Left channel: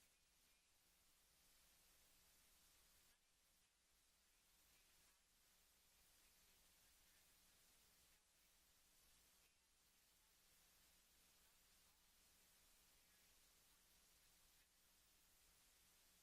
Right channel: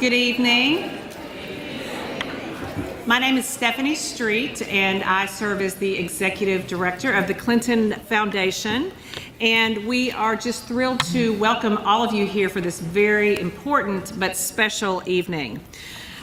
Good evening. My name is Stephanie Street, and I serve as the Executive Director of the Clinton Foundation. And we are just thrilled to welcome all of you here for this very important but special evening.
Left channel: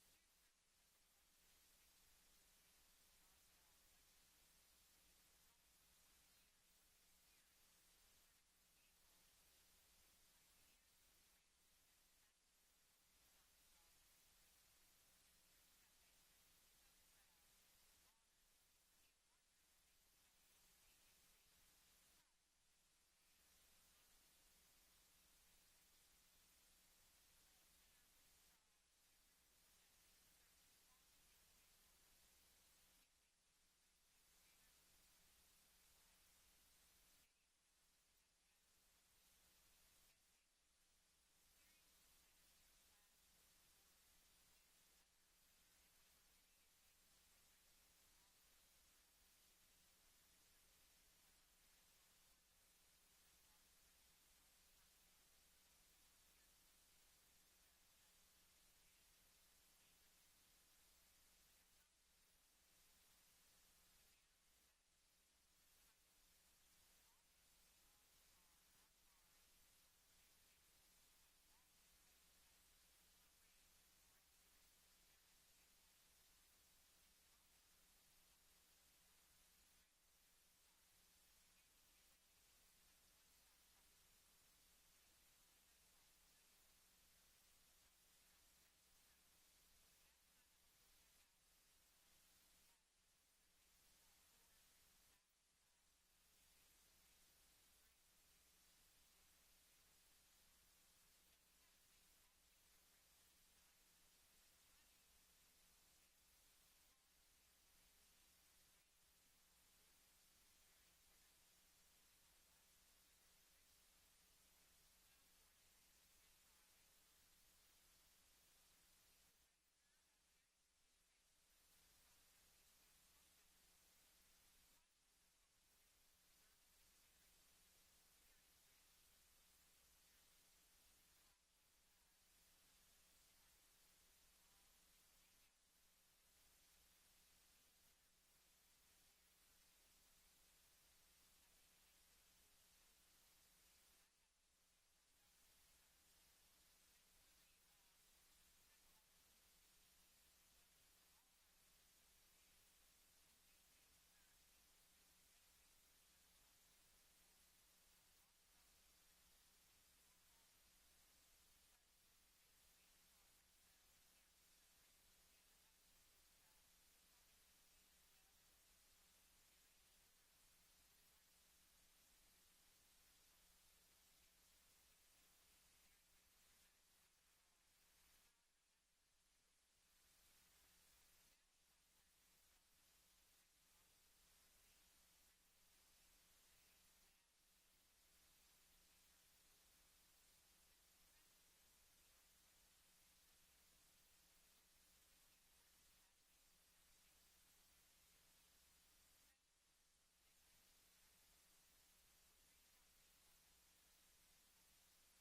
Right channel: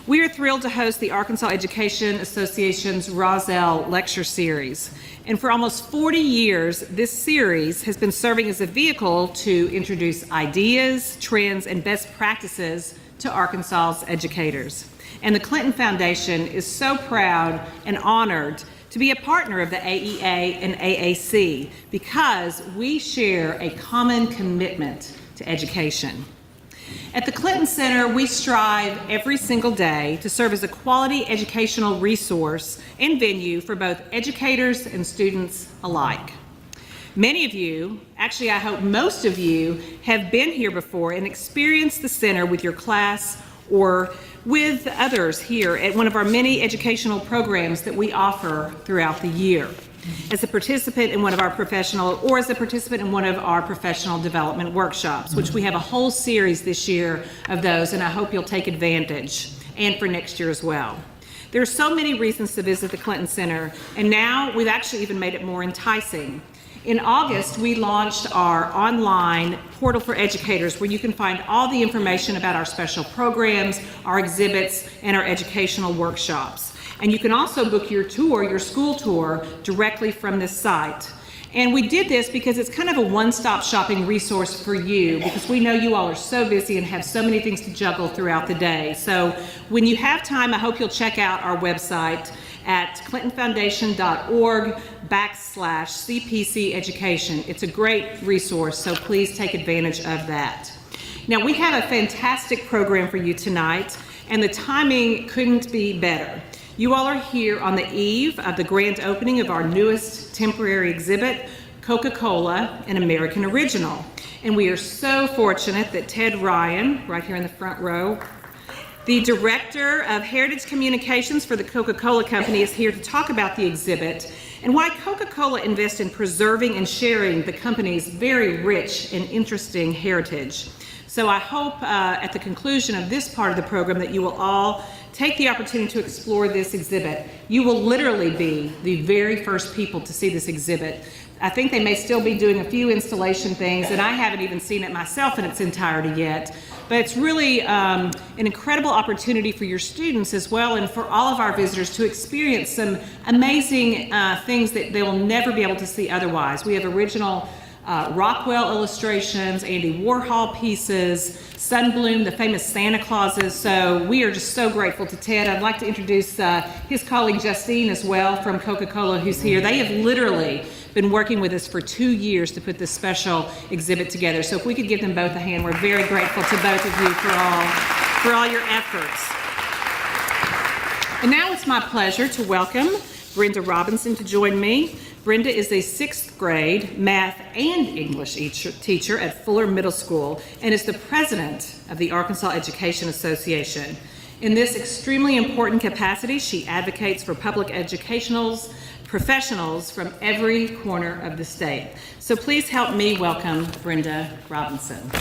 We are thrilled to host the Arkansas Education Association's Rozzell Lecture Series. And for almost 40 years, this series has been serving as a vehicle to introduce ideas, trends, and best practices to Arkansas's educators. And the Clinton Foundation is so proud and honored to be a partner of the AEA and AAC because we share a common commitment to education. At the Clinton Center, we strive every single day to serve as a quality educational resource and venue for both educators and students alike. Many of you, actually I hope most of you, have been here before and experienced the center with your class or with others here at one of our many educational programs that we offer throughout the year. As a participant in one of our professional development workshops, which we have a whole series this year of those, and I hope you'll take advantage, and for next year as well. There are so many reasons to visit the Clinton Center, and now we've actually even made it more enticing. In August, we launched our online portal for educators where you can find all the information about our special programs, our exhibits, and our educational workshops. And you can also book your tour, your school tour, directly from this site. And we did this because it's kind of a one-stop shopping resource for you because we know you all are so busy and have so many things to juggle throughout the day. So when you have time, I hope you'll check out our website at clintonfoundation.org/CPC education. It's a great resource, so please take advantage of that. Now, we have a fantastic program for you tonight, and the timing couldn't be better. You all are here on the eve of the grand opening of our newest temporary exhibit, CocaCola, an American Original. And we are so fortunate that Ted Ryan, right here in the front row, the Director of Heritage Communications for the Coca-Cola Company, is here to talk about the exhibit and why Coca-Cola invests in preserving and sharing the company's very rich and interesting heritage. So I hope at the conclusion of this part of the program that you will all take the opportunity to explore this exhibit. You will literally be the very first people to see this exhibit. I think they may still be doing a few installation things, and I haven't even seen it myself in its entirety yet. But it's really an incredible opportunity for your students as well and for all of our visitors to experience some amazing things that they will never be able to see otherwise. We have original Rockwell illustrations, Andy Warhol pieces, Sunbloom, the famous Santa Clauses. So we are just so grateful to Ted. I'd like to introduce his colleague Justine as well from Coca-Cola, who's here. They have literally been working with us for 2 years to put this special exhibit together. So if we could give them both a hand, we're very grateful to both of you for all your efforts. And now it's my pleasure to welcome Brenda Robinson to join me. Brenda is a 6th grade math and English teacher at Fuller Middle School and is the president of the Arkansas Education Association. In this extremely important capacity, she advocates for public professionals from every corner of the state. So please help me welcome Brenda Robinson.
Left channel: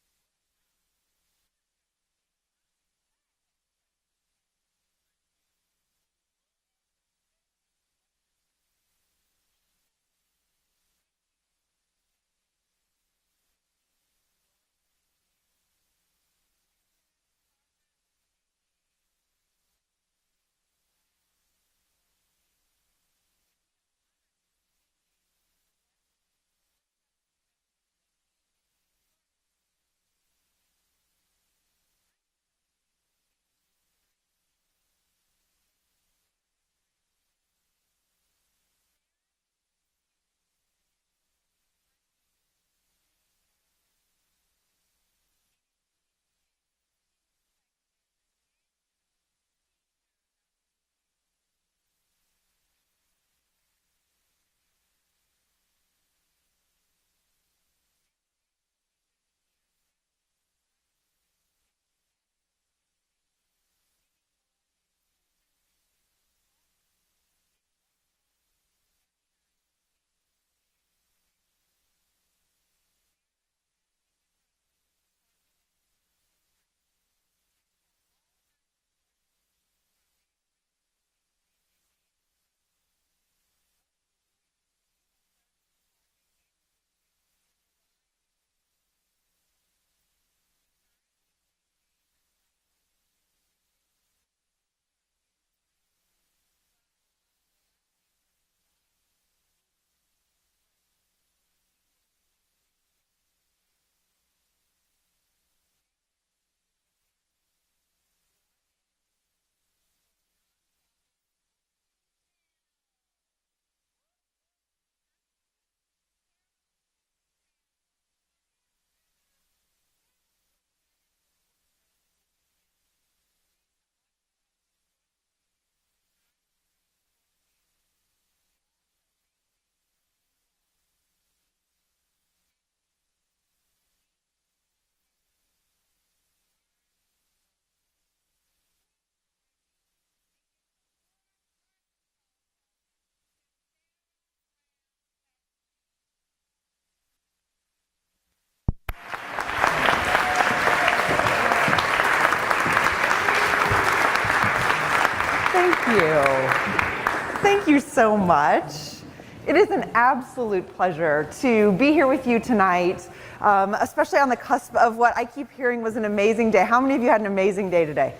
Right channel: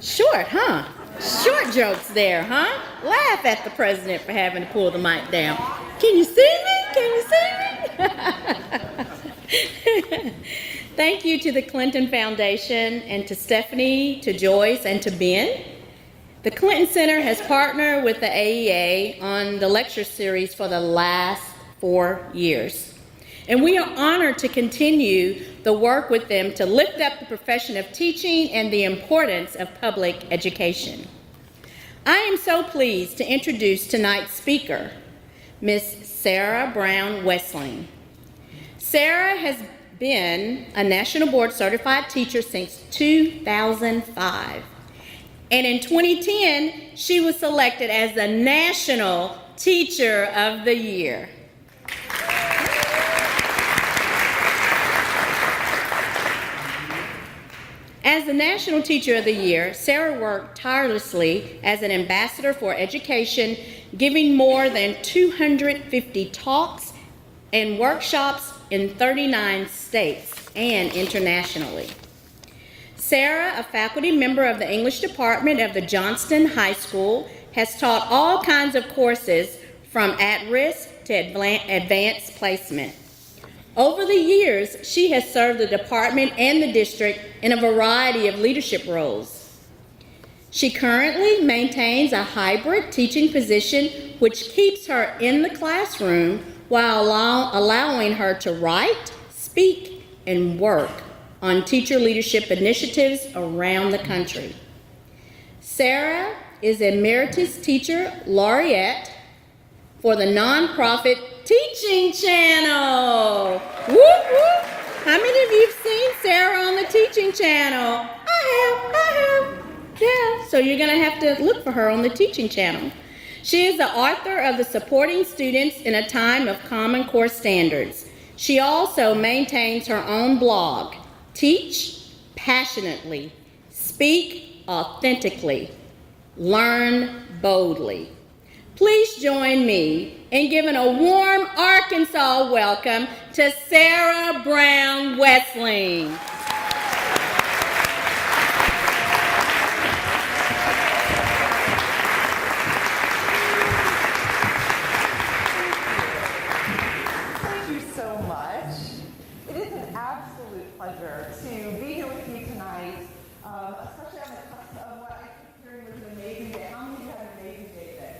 Short, huh? Short jokes there, huh? Laugh at the president for having to pull the mic down. Can you see me? Can you see me? Thank you to the Clinton Foundation and to Stephanie, to Joyce, and to Ben. The Clinton Center has partnered with the AEA on the lecture series for the last 4 years. And we are honored to continue the work with them to lift up the profession of teaching and the importance of public education. I am so pleased to introduce tonight's speaker, Ms. Sarah Brown Wessling. Sarah has been a National Board Certified Teacher since 2005. And in 2010, she was selected as the National Teacher of the Year. As the National Teacher of the Year, Sarah worked tirelessly as an ambassador for education, giving more than 250 talks and workshops in 39 states and internationally. Sarah, a faculty member of the English department of the Johnston High School, has taught all kinds of courses from at-risk to advanced placement. Over the years, she has served the department and the district in a variety of leadership roles. She currently maintains a hybrid teaching position which keeps her in the classroom while allowing her to write, speak, and work on teacher leadership initiatives around the country. Sarah is Emeritus Teacher Laureate for the nonprofit Teaching Channel. Whoop, whoop. How many of you have seen Sarah on the Teaching Channel? I have. Yeah, so you're gonna have to look for her on the Teaching Channel. She is the author of the Supporting Students in a Time of Common Core Standards. She also maintains her own blog, Teach Passionately, Speak Authentically, Learn Boldly. Please join me in giving a warm Arkansas welcome to Sarah Brown Wessling. Thank you. Thank you so much. It is an absolute pleasure to be here with you tonight, especially on the cusp of what I keep hearing was an amazing day. How many of you had an amazing day today?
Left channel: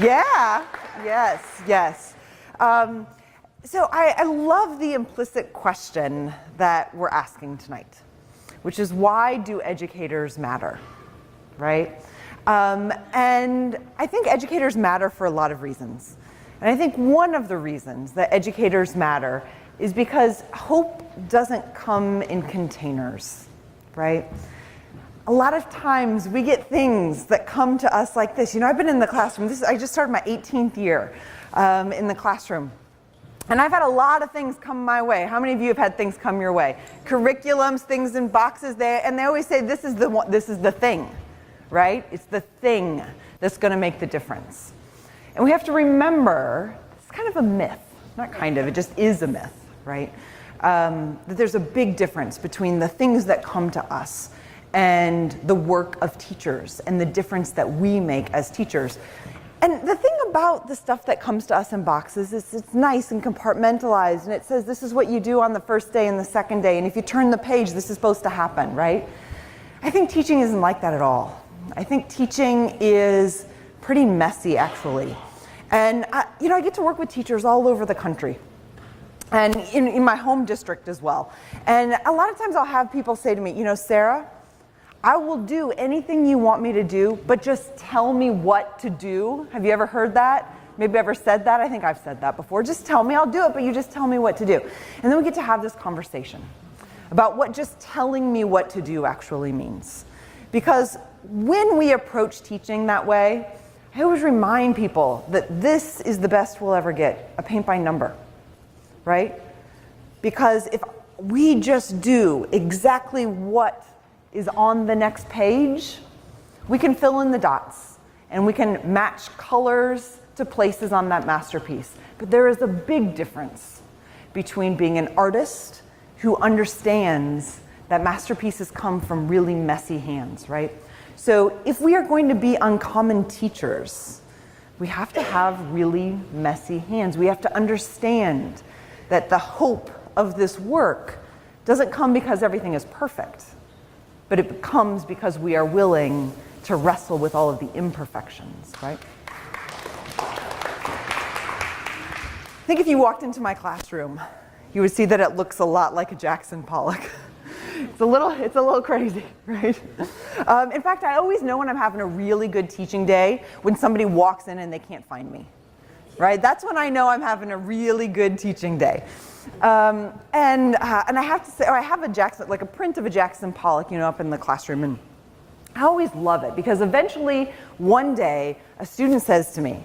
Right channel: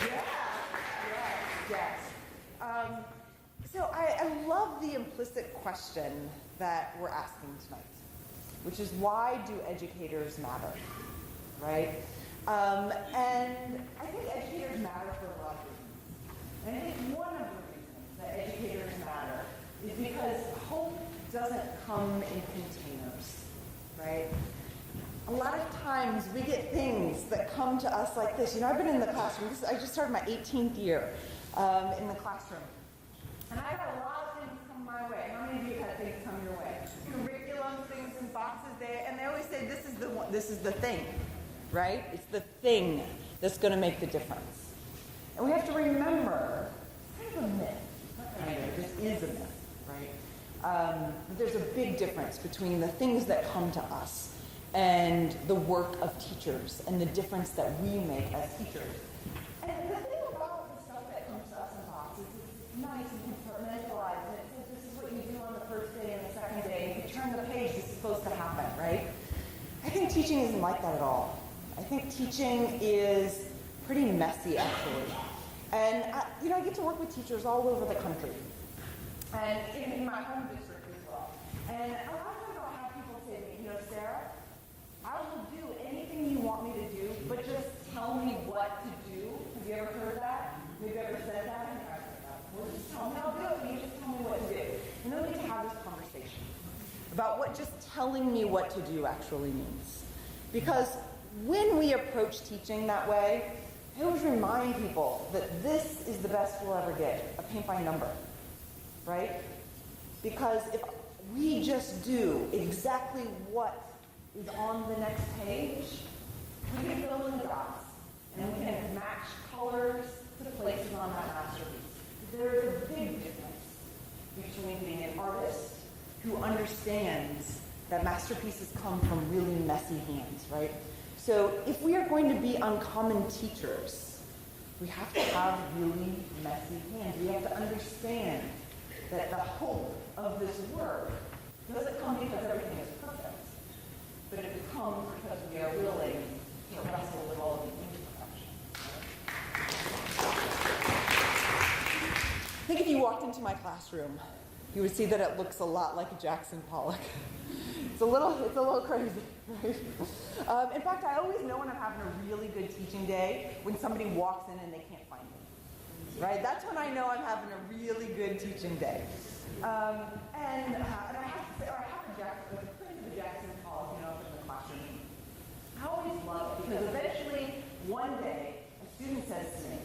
Yeah, yes. So I love the implicit question that we're asking tonight, which is, why do educators matter, right? And I think educators matter for a lot of reasons. And I think one of the reasons that educators matter is because hope doesn't come in containers, right? A lot of times we get things that come to us like this. You know, I've been in the classroom. I just started my 18th year in the classroom. And I've had a lot of things come my way. How many of you have had things come your way? Curriculums, things in boxes there, and they always say this is the thing, right? It's the thing that's going to make the difference. And we have to remember, it's kind of a myth. Not kind of, it just is a myth, right? That there's a big difference between the things that come to us and the work of teachers and the difference that we make as teachers. And the thing about the stuff that comes to us in boxes is it's nice and compartmentalized, and it says this is what you do on the first day and the second day, and if you turn the page, this is supposed to happen, right? I think teaching isn't like that at all. I think teaching is pretty messy, actually. And I get to work with teachers all over the country, and in my home district as well. And a lot of times I'll have people say to me, Sarah, I will do anything you want me to do, but just tell me what to do. Have you ever heard that? Maybe ever said that? I think I've said that before. Just tell me, I'll do it, but you just tell me what to do. And then we get to have this conversation about what just telling me what to do actually means. Because when we approach teaching that way, I always remind people that this is the best we'll ever get, a paint by number, right? Because if we just do exactly what is on the next page, we can fill in the dots and we can match colors to places on that masterpiece. But there is a big difference between being an artist who understands that masterpieces come from really messy hands, right? So if we are going to be uncommon teachers, we have to have really messy hands. We have to understand that the hope of this work doesn't come because everything is perfect, but it comes because we are willing to wrestle with all of the imperfections, right? I think if you walked into my classroom, you would see that it looks a lot like a Jackson Pollock. It's a little crazy, right? In fact, I always know when I'm having a really good teaching day when somebody walks in and they can't find me, right? That's when I know I'm having a really good teaching day. And I have to say, I have a print of a Jackson Pollock, up in the classroom, and I always love it because eventually one day a student says to me,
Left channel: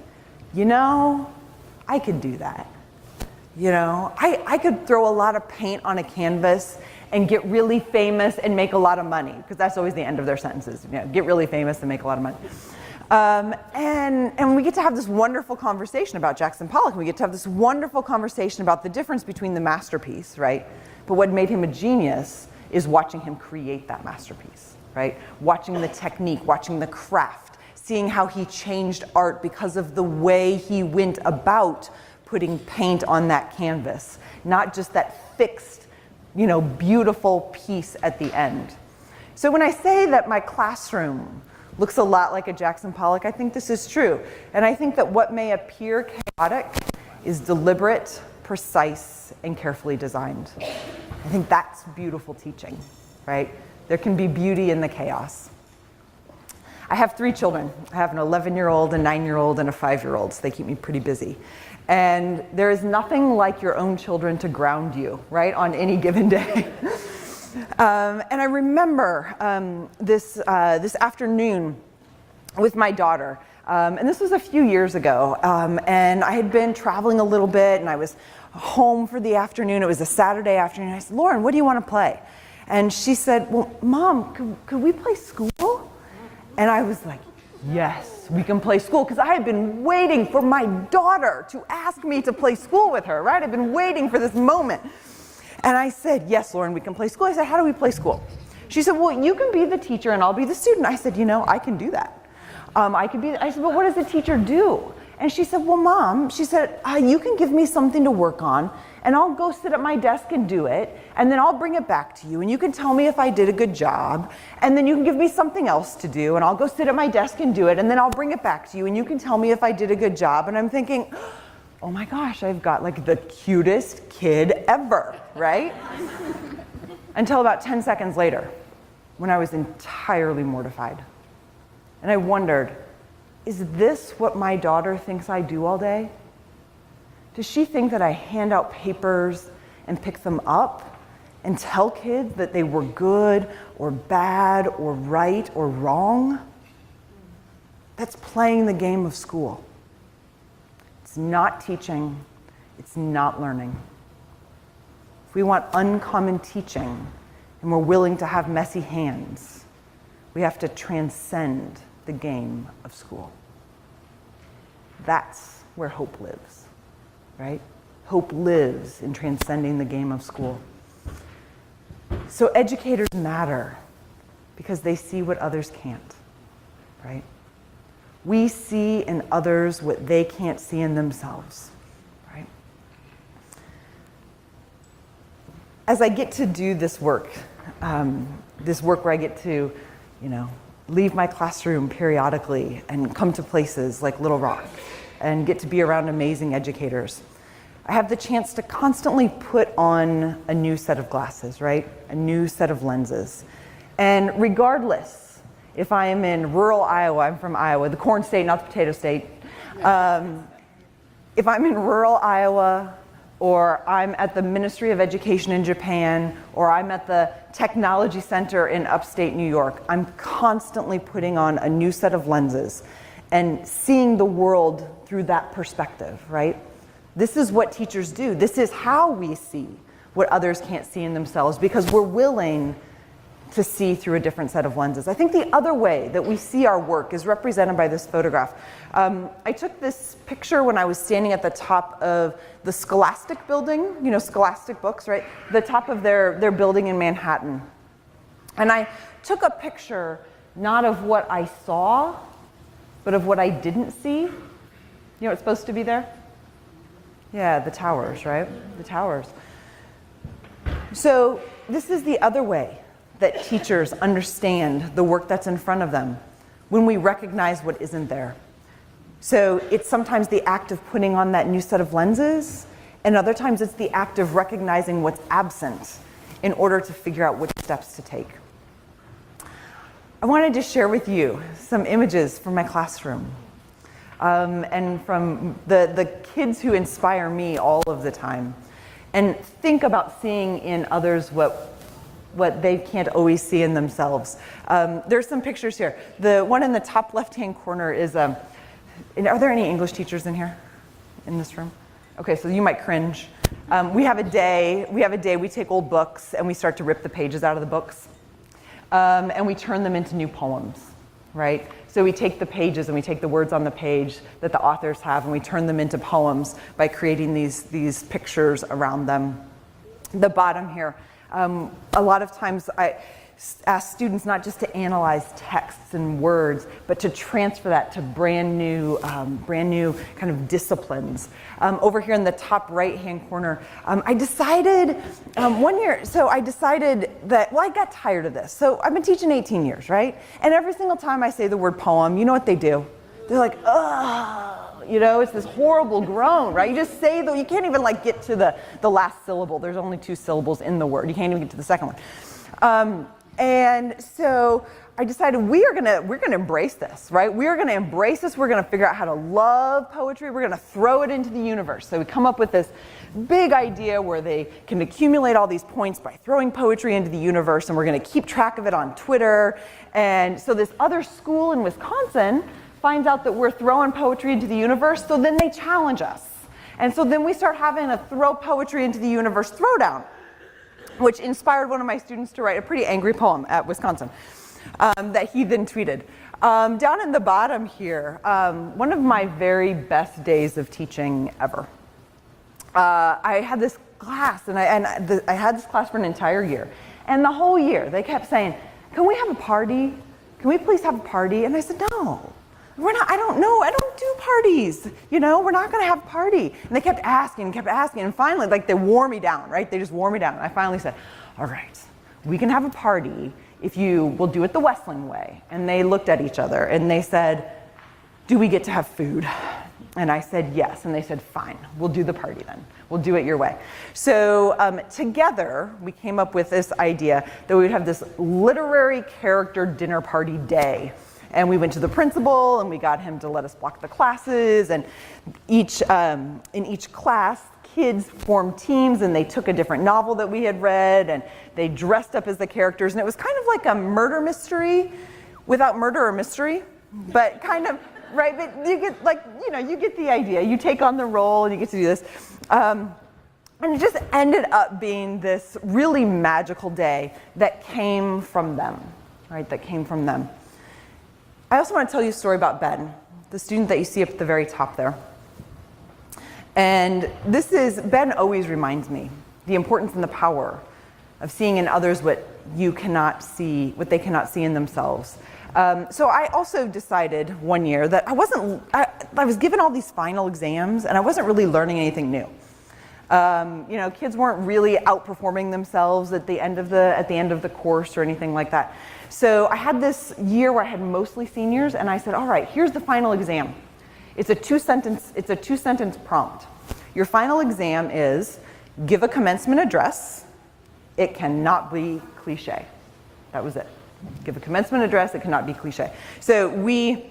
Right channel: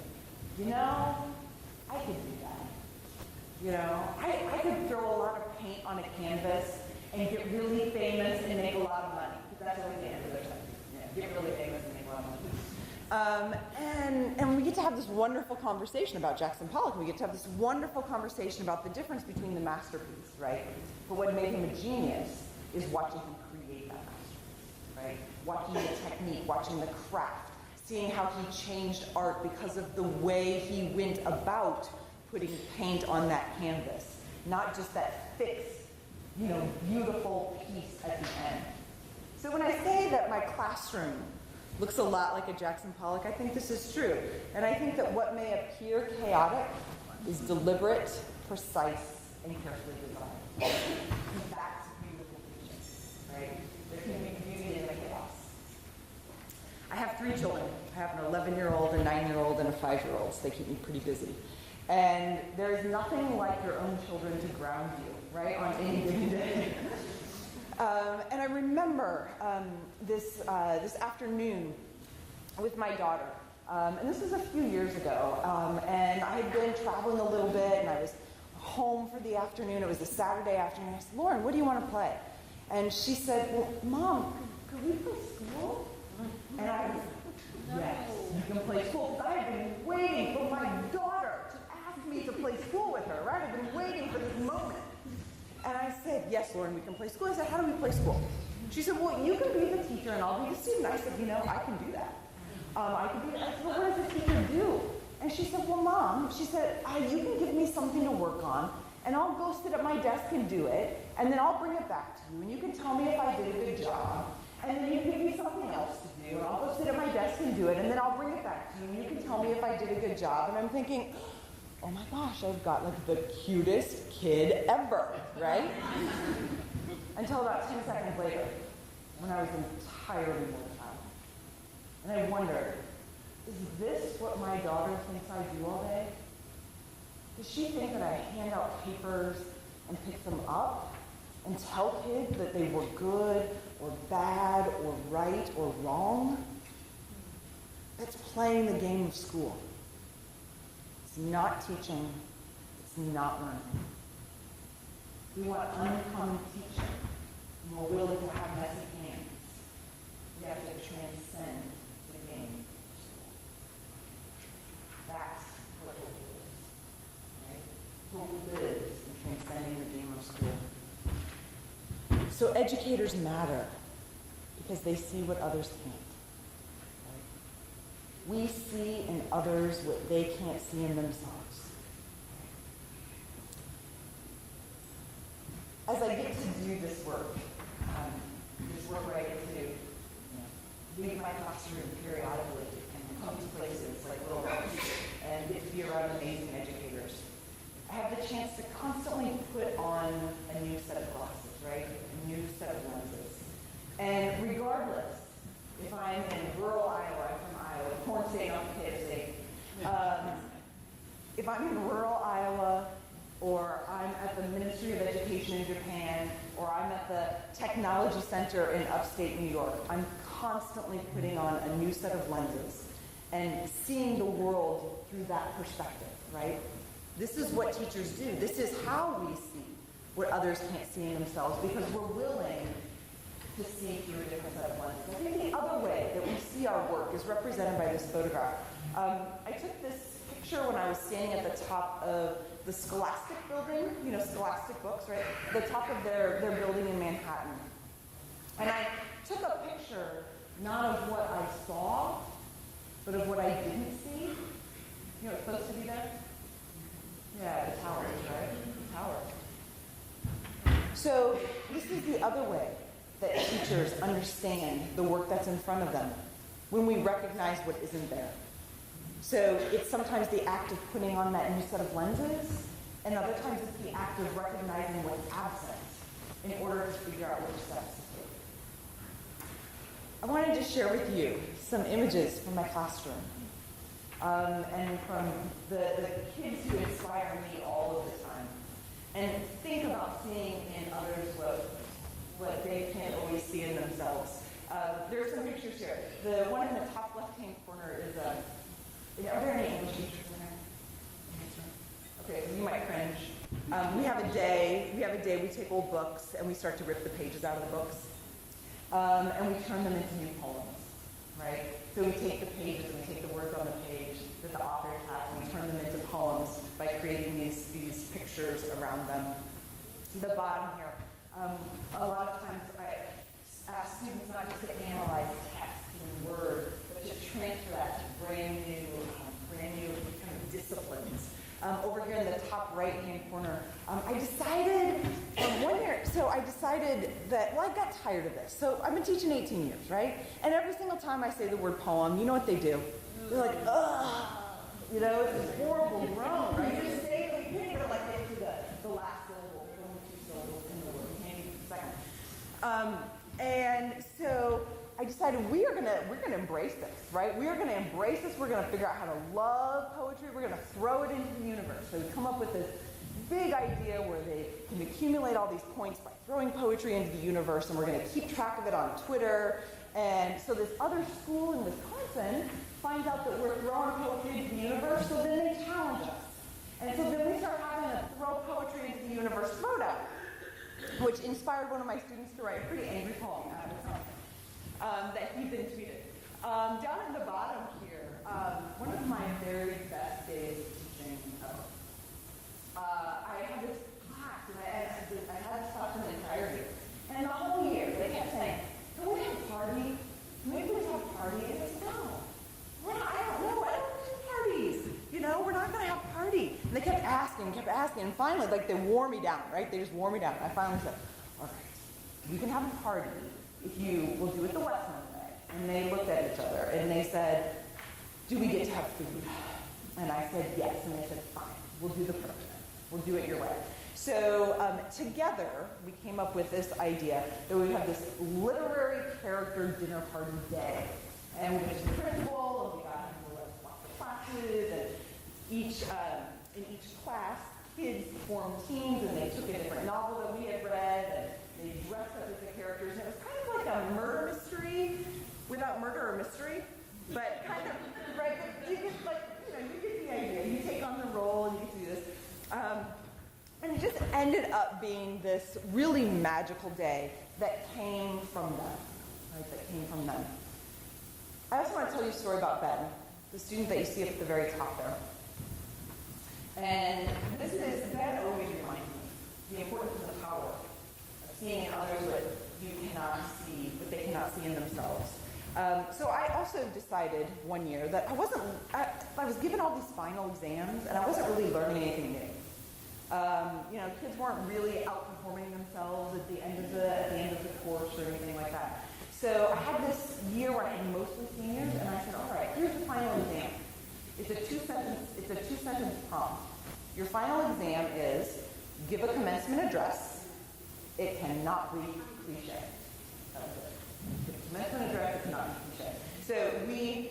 I could do that. I could throw a lot of paint on a canvas and get really famous and make a lot of money, because that's always the end of their sentences, you know, get really famous and make a lot of money. And we get to have this wonderful conversation about Jackson Pollock. We get to have this wonderful conversation about the difference between the masterpiece, right? But what made him a genius is watching him create that masterpiece, right? Watching the technique, watching the craft, seeing how he changed art because of the way he went about putting paint on that canvas, not just that fixed, you know, beautiful piece at the end. So when I say that my classroom looks a lot like a Jackson Pollock, I think this is true. And I think that what may appear chaotic is deliberate, precise, and carefully designed. I think that's beautiful teaching, right? There can be beauty in the chaos. I have 3 children. I have an 11-year-old, a 9-year-old, and a 5-year-old, so they keep me pretty busy. And there is nothing like your own children to ground you, right, on any given day. And I remember this afternoon with my daughter, and this was a few years ago, and I had been traveling a little bit, and I was home for the afternoon. It was a Saturday afternoon. I said, Lauren, what do you want to play? And she said, well, Mom, could we play school? And I was like, yes, we can play school, because I had been waiting for my daughter to ask me to play school with her, right? I've been waiting for this moment. And I said, yes, Lauren, we can play school. I said, how do we play school? She said, well, you can be the teacher and I'll be the student. I said, you know, I can do that. I said, well, what does the teacher do? And she said, well, Mom, she said, you can give me something to work on and I'll go sit at my desk and do it, and then I'll bring it back to you and you can tell me if I did a good job, and then you can give me something else to do and I'll go sit at my desk and do it, and then I'll bring it back to you and you can tell me if I did a good job. And I'm thinking, oh my gosh, I've got like the cutest kid ever, right? Until about 10 seconds later, when I was entirely mortified. And I wondered, is this what my daughter thinks I do all day? Does she think that I hand out papers and pick them up and tell kids that they were good or bad or right or wrong? That's playing the game of school. It's not teaching, it's not learning. If we want uncommon teaching and we're willing to have messy hands, we have to transcend the game of school. That's where hope lives, right? Hope lives in transcending the game of school. So educators matter because they see what others can't, right? We see in others what they can't see in themselves, right? As I get to do this work where I get to, you know, leave my classroom periodically and come to places like Little Rock and get to be around amazing educators, I have the chance to constantly put on a new set of glasses, right? A new set of lenses. And regardless, if I am in rural Iowa, I'm from Iowa, the corn state, not the potato state. If I'm in rural Iowa, or I'm at the Ministry of Education in Japan, or I'm at the Technology Center in upstate New York, I'm constantly putting on a new set of lenses and seeing the world through that perspective, right? This is what teachers do. This is how we see what others can't see in themselves, because we're willing to see through a different set of lenses. I think the other way that we see our work is represented by this photograph. I took this picture when I was standing at the top of the Scholastic building, you know, Scholastic Books, right? The top of their building in Manhattan. And I took a picture not of what I saw, but of what I didn't see. You know what's supposed to be there? Yeah, the towers, right? The towers. So this is the other way that teachers understand the work that's in front of them, when we recognize what isn't there. So it's sometimes the act of putting on that new set of lenses, and other times it's the act of recognizing what's absent in order to figure out which steps to take. I wanted to share with you some images from my classroom, and from the kids who inspire me all of the time, and think about seeing in others what they can't always see in themselves. There's some pictures here. The one in the top left-hand corner is, are there any English teachers in here, in this room? Okay, so you might cringe. We have a day, we take old books and we start to rip the pages out of the books. And we turn them into new poems, right? So we take the pages and we take the words on the page that the authors have and we turn them into poems by creating these pictures around them. The bottom here, a lot of times I ask students not just to analyze texts and words, but to transfer that to brand new kind of disciplines. Over here in the top right-hand corner, I decided one year, so I decided that, well, I got tired of this. So I've been teaching 18 years, right? And every single time I say the word poem, you know what they do? They're like, ugh. You know, it's this horrible groan, right? You just say, you can't even like get to the last syllable. There's only 2 syllables in the word. You can't even get to the second one. And so I decided we're gonna embrace this, right? We're gonna embrace this. We're gonna figure out how to love poetry. We're gonna throw it into the universe. So we come up with this big idea where they can accumulate all these points by throwing poetry into the universe, and we're gonna keep track of it on Twitter. And so this other school in Wisconsin finds out that we're throwing poetry into the universe, so then they challenge us. And so then we start having a throw poetry into the universe throwdown, which inspired one of my students to write a pretty angry poem at Wisconsin that he then tweeted. Down in the bottom here, one of my very best days of teaching ever. I had this class, and I had this class for an entire year. And the whole year, they kept saying, can we have a party? Can we please have a party? And I said, no. I don't do parties, you know, we're not gonna have a party. And they kept asking, and finally, like, they wore me down, right? They just wore me down. And I finally said, all right, we can have a party if you will do it the Wessling way. And they looked at each other and they said, do we get to have food? And I said, yes. And they said, fine, we'll do the party then. We'll do it your way. So together, we came up with this idea that we would have this literary character dinner party day. And we went to the principal and we got him to let us block the classes. And in each class, kids formed teams and they took a different novel that we had read and they dressed up as the characters. And it was kind of like a murder mystery without murder or mystery, but kind of, right? But you get, like, you know, you get the idea. You take on the role and you get to do this. And it just ended up being this really magical day that came from them, right? That came from them. I also want to tell you a story about Ben, the student that you see up at the very top there. And Ben always reminds me the importance and the power of seeing in others what they cannot see in themselves. So I also decided one year that I was given all these final exams and I wasn't really learning anything new. You know, kids weren't really outperforming themselves at the end of the course or anything like that. So I had this year where I had mostly seniors, and I said, all right, here's the final exam. It's a two-sentence prompt. Your final exam is give a commencement address. It cannot be cliche. That was it. Give a commencement address. It cannot be cliche. So we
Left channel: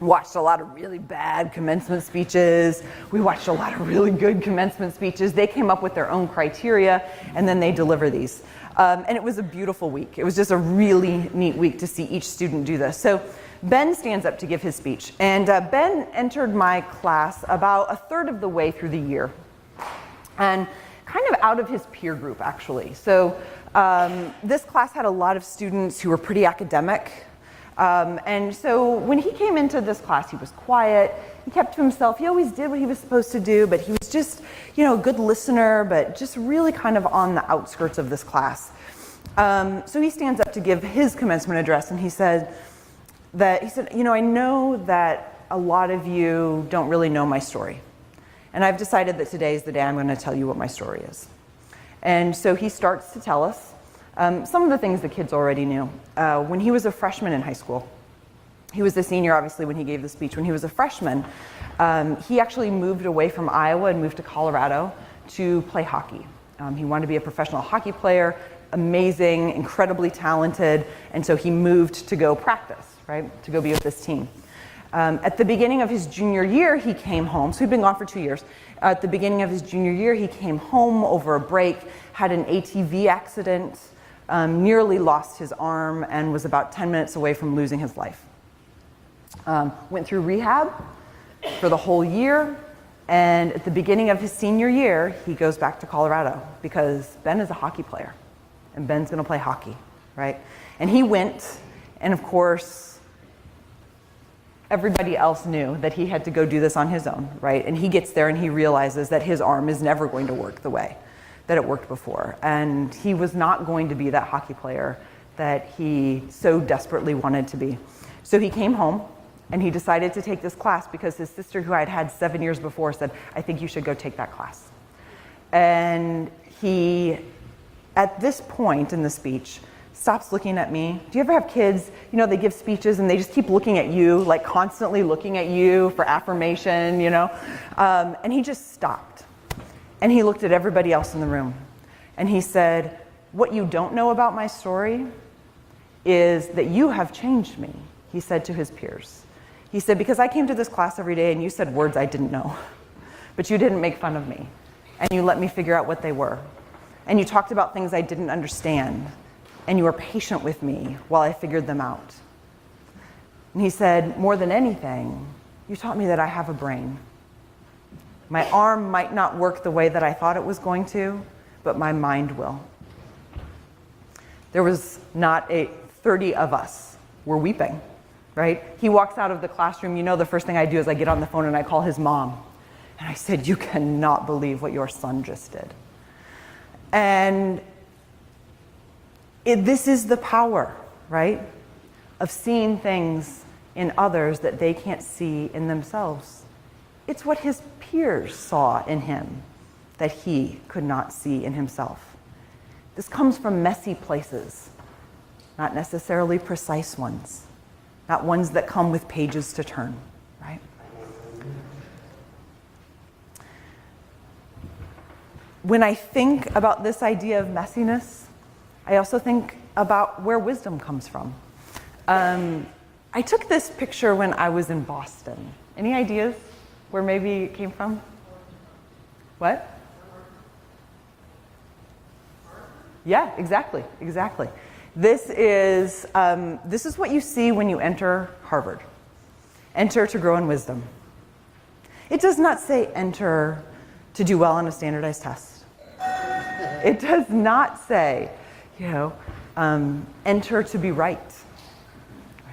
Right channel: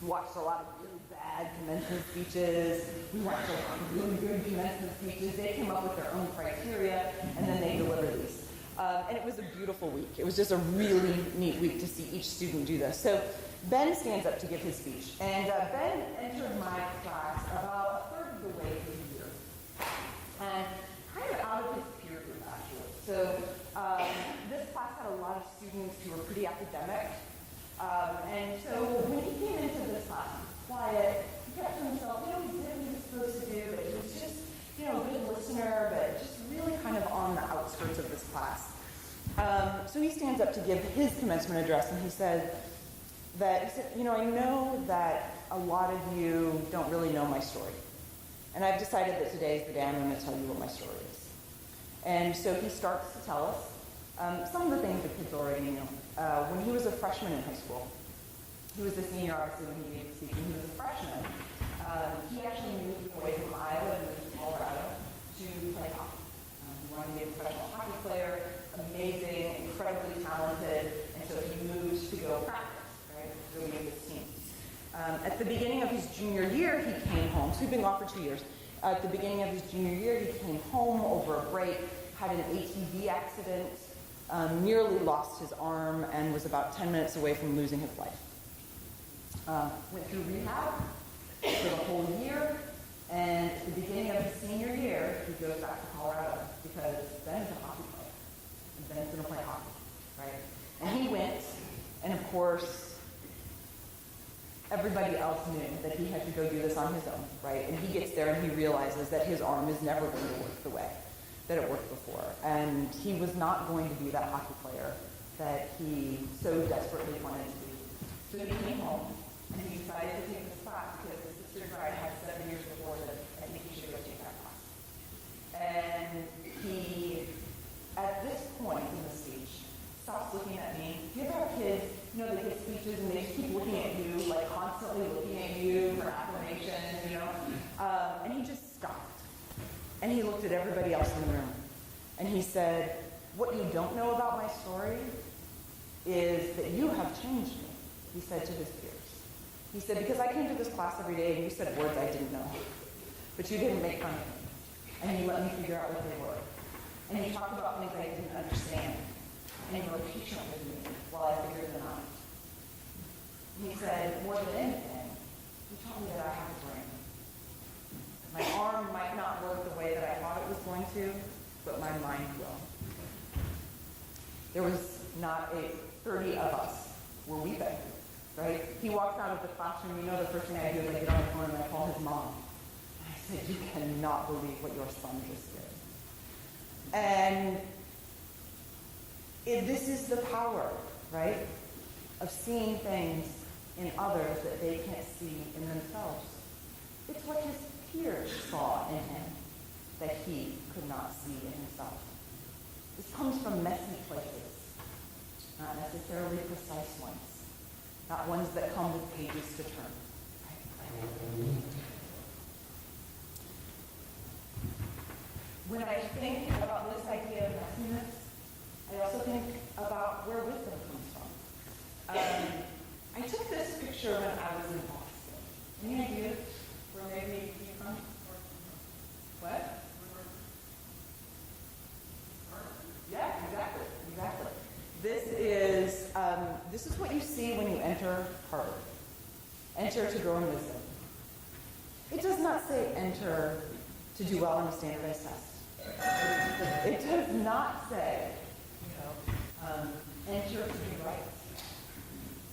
watched a lot of really bad commencement speeches. We watched a lot of really good commencement speeches. They came up with their own criteria, and then they deliver these. And it was a beautiful week. It was just a really neat week to see each student do this. So Ben stands up to give his speech. And Ben entered my class about a third of the way through the year. And kind of out of his peer group, actually. So this class had a lot of students who were pretty academic. And so when he came into this class, he was quiet. He kept to himself. He always did what he was supposed to do, but he was just, you know, a good listener, but just really kind of on the outskirts of this class. So he stands up to give his commencement address, and he said, you know, I know that a lot of you don't really know my story. And I've decided that today is the day I'm going to tell you what my story is. And so he starts to tell us some of the things the kids already knew. When he was a freshman in high school, he was a senior, obviously, when he gave the speech. When he was a freshman, he actually moved away from Iowa and moved to Colorado to play hockey. He wanted to be a professional hockey player, amazing, incredibly talented, and so he moved to go practice, right, to go be with this team. At the beginning of his junior year, he came home. So he'd been gone for 2 years. At the beginning of his junior year, he came home over a break, had an ATV accident, nearly lost his arm, and was about 10 minutes away from losing his life. Went through rehab for the whole year, And at the beginning of his senior year, he goes back to Colorado because Ben is a hockey player, and Ben's gonna play hockey, right? And he went, and of course, everybody else knew that he had to go do this on his own, right? And he gets there and he realizes that his arm is never going to work the way that it worked before. And he was not going to be that hockey player that he so desperately wanted to be. So he came home and he decided to take this class because his sister, who I had had 7 years before, said, I think you should go take that class. And he, at this point in the speech, stops looking at me. Do you ever have kids, you know, they give speeches and they just keep looking at you, like constantly looking at you for affirmation, you know? And he just stopped. And he looked at everybody else in the room. And he said, what you don't know about my story is that you have changed me, he said to his peers. He said, because I came to this class every day and you said words I didn't know, but you didn't make fun of me. And you let me figure out what they were. And you talked about things I didn't understand. And you were patient with me while I figured them out. And he said, more than anything, you taught me that I have a brain. My arm might not work the way that I thought it was going to, but my mind will. There was not 30 of us were weeping, right? He walks out of the classroom, you know, the first thing I do is I get on the phone and I call his mom. And I said, you cannot believe what your son just did. And this is the power, right, of seeing things in others that they can't see in themselves. It's what his peers saw in him that he could not see in himself. This comes from messy places, not necessarily precise ones, not ones that come with pages to turn, right? When I think about this idea of messiness, I also think about where wisdom comes from. I took this picture when I was in Boston. Any ideas where maybe it came from? What? Yeah, exactly. This is what you see when you enter Harvard. Enter to grow in wisdom. It does not say enter to do well on a standardized test. It does not say, enter to be right.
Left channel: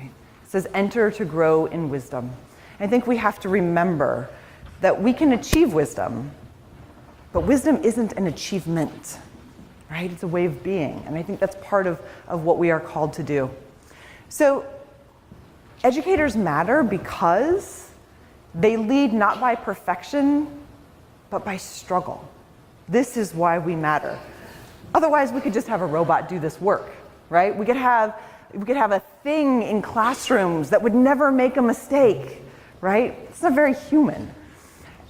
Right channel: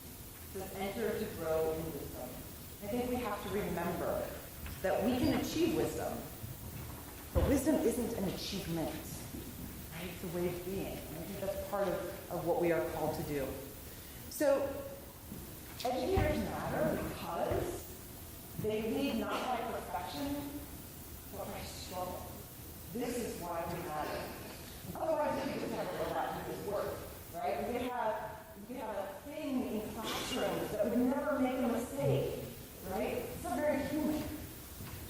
It says enter to grow in wisdom. I think we have to remember that we can achieve wisdom, but wisdom isn't an achievement, right? It's a way of being, and I think that's part of what we are called to do. So educators matter because they lead not by perfection, but by struggle. This is why we matter. Otherwise, we could just have a robot do this work, right? We could have a thing in classrooms that would never make a mistake, right? It's not very human.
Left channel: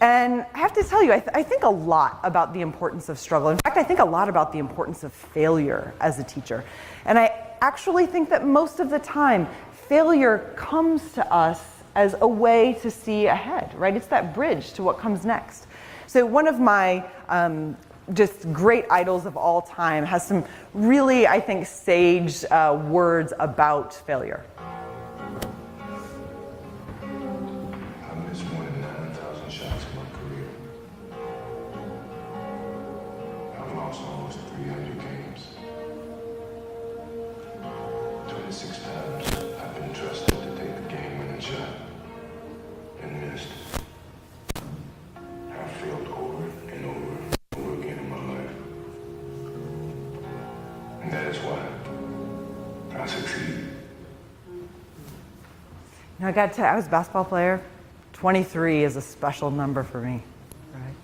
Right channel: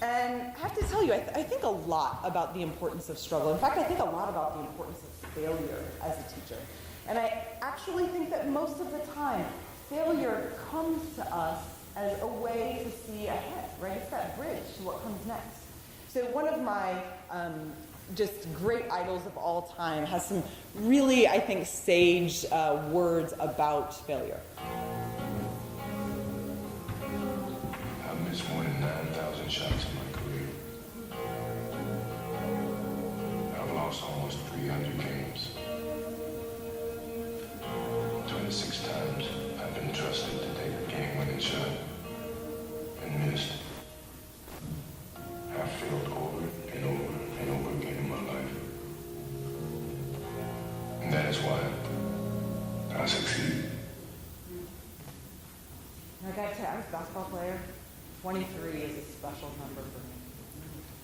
And I have to tell you, I think a lot about the importance of struggle. In fact, I think a lot about the importance of failure as a teacher. And I actually think that most of the time, failure comes to us as a way to see ahead, right? It's that bridge to what comes next. So one of my just great idols of all time has some really, I think, sage words about failure. I've missed more than 9,000 shots in my career. I've lost almost 300 games. 26 times I've been trusted to take a game-winning shot and missed. I've failed over and over and over again in my life. And that is why I succeed. Now, I got to tell you, I was a basketball player. 23 is a special number for me. Right?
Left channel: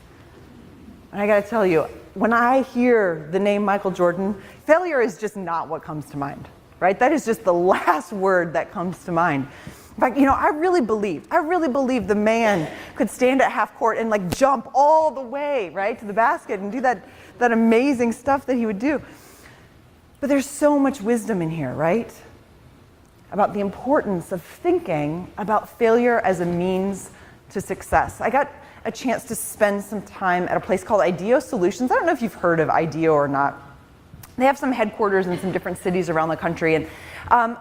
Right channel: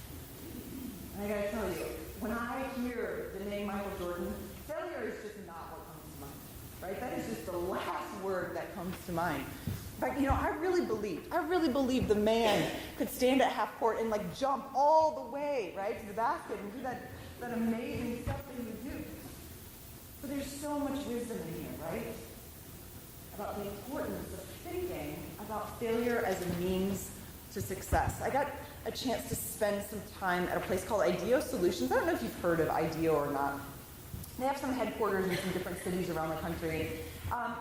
And I got to tell you, when I hear the name Michael Jordan, failure is just not what comes to mind, right? That is just the last word that comes to mind. In fact, I really believe the man could stand at half court and like jump all the way, right, to the basket and do that amazing stuff that he would do. But there's so much wisdom in here, right? About the importance of thinking about failure as a means to success. I got a chance to spend some time at a place called IDEO Solutions. I don't know if you've heard of IDEO or not. They have some headquarters in some different cities around the country. And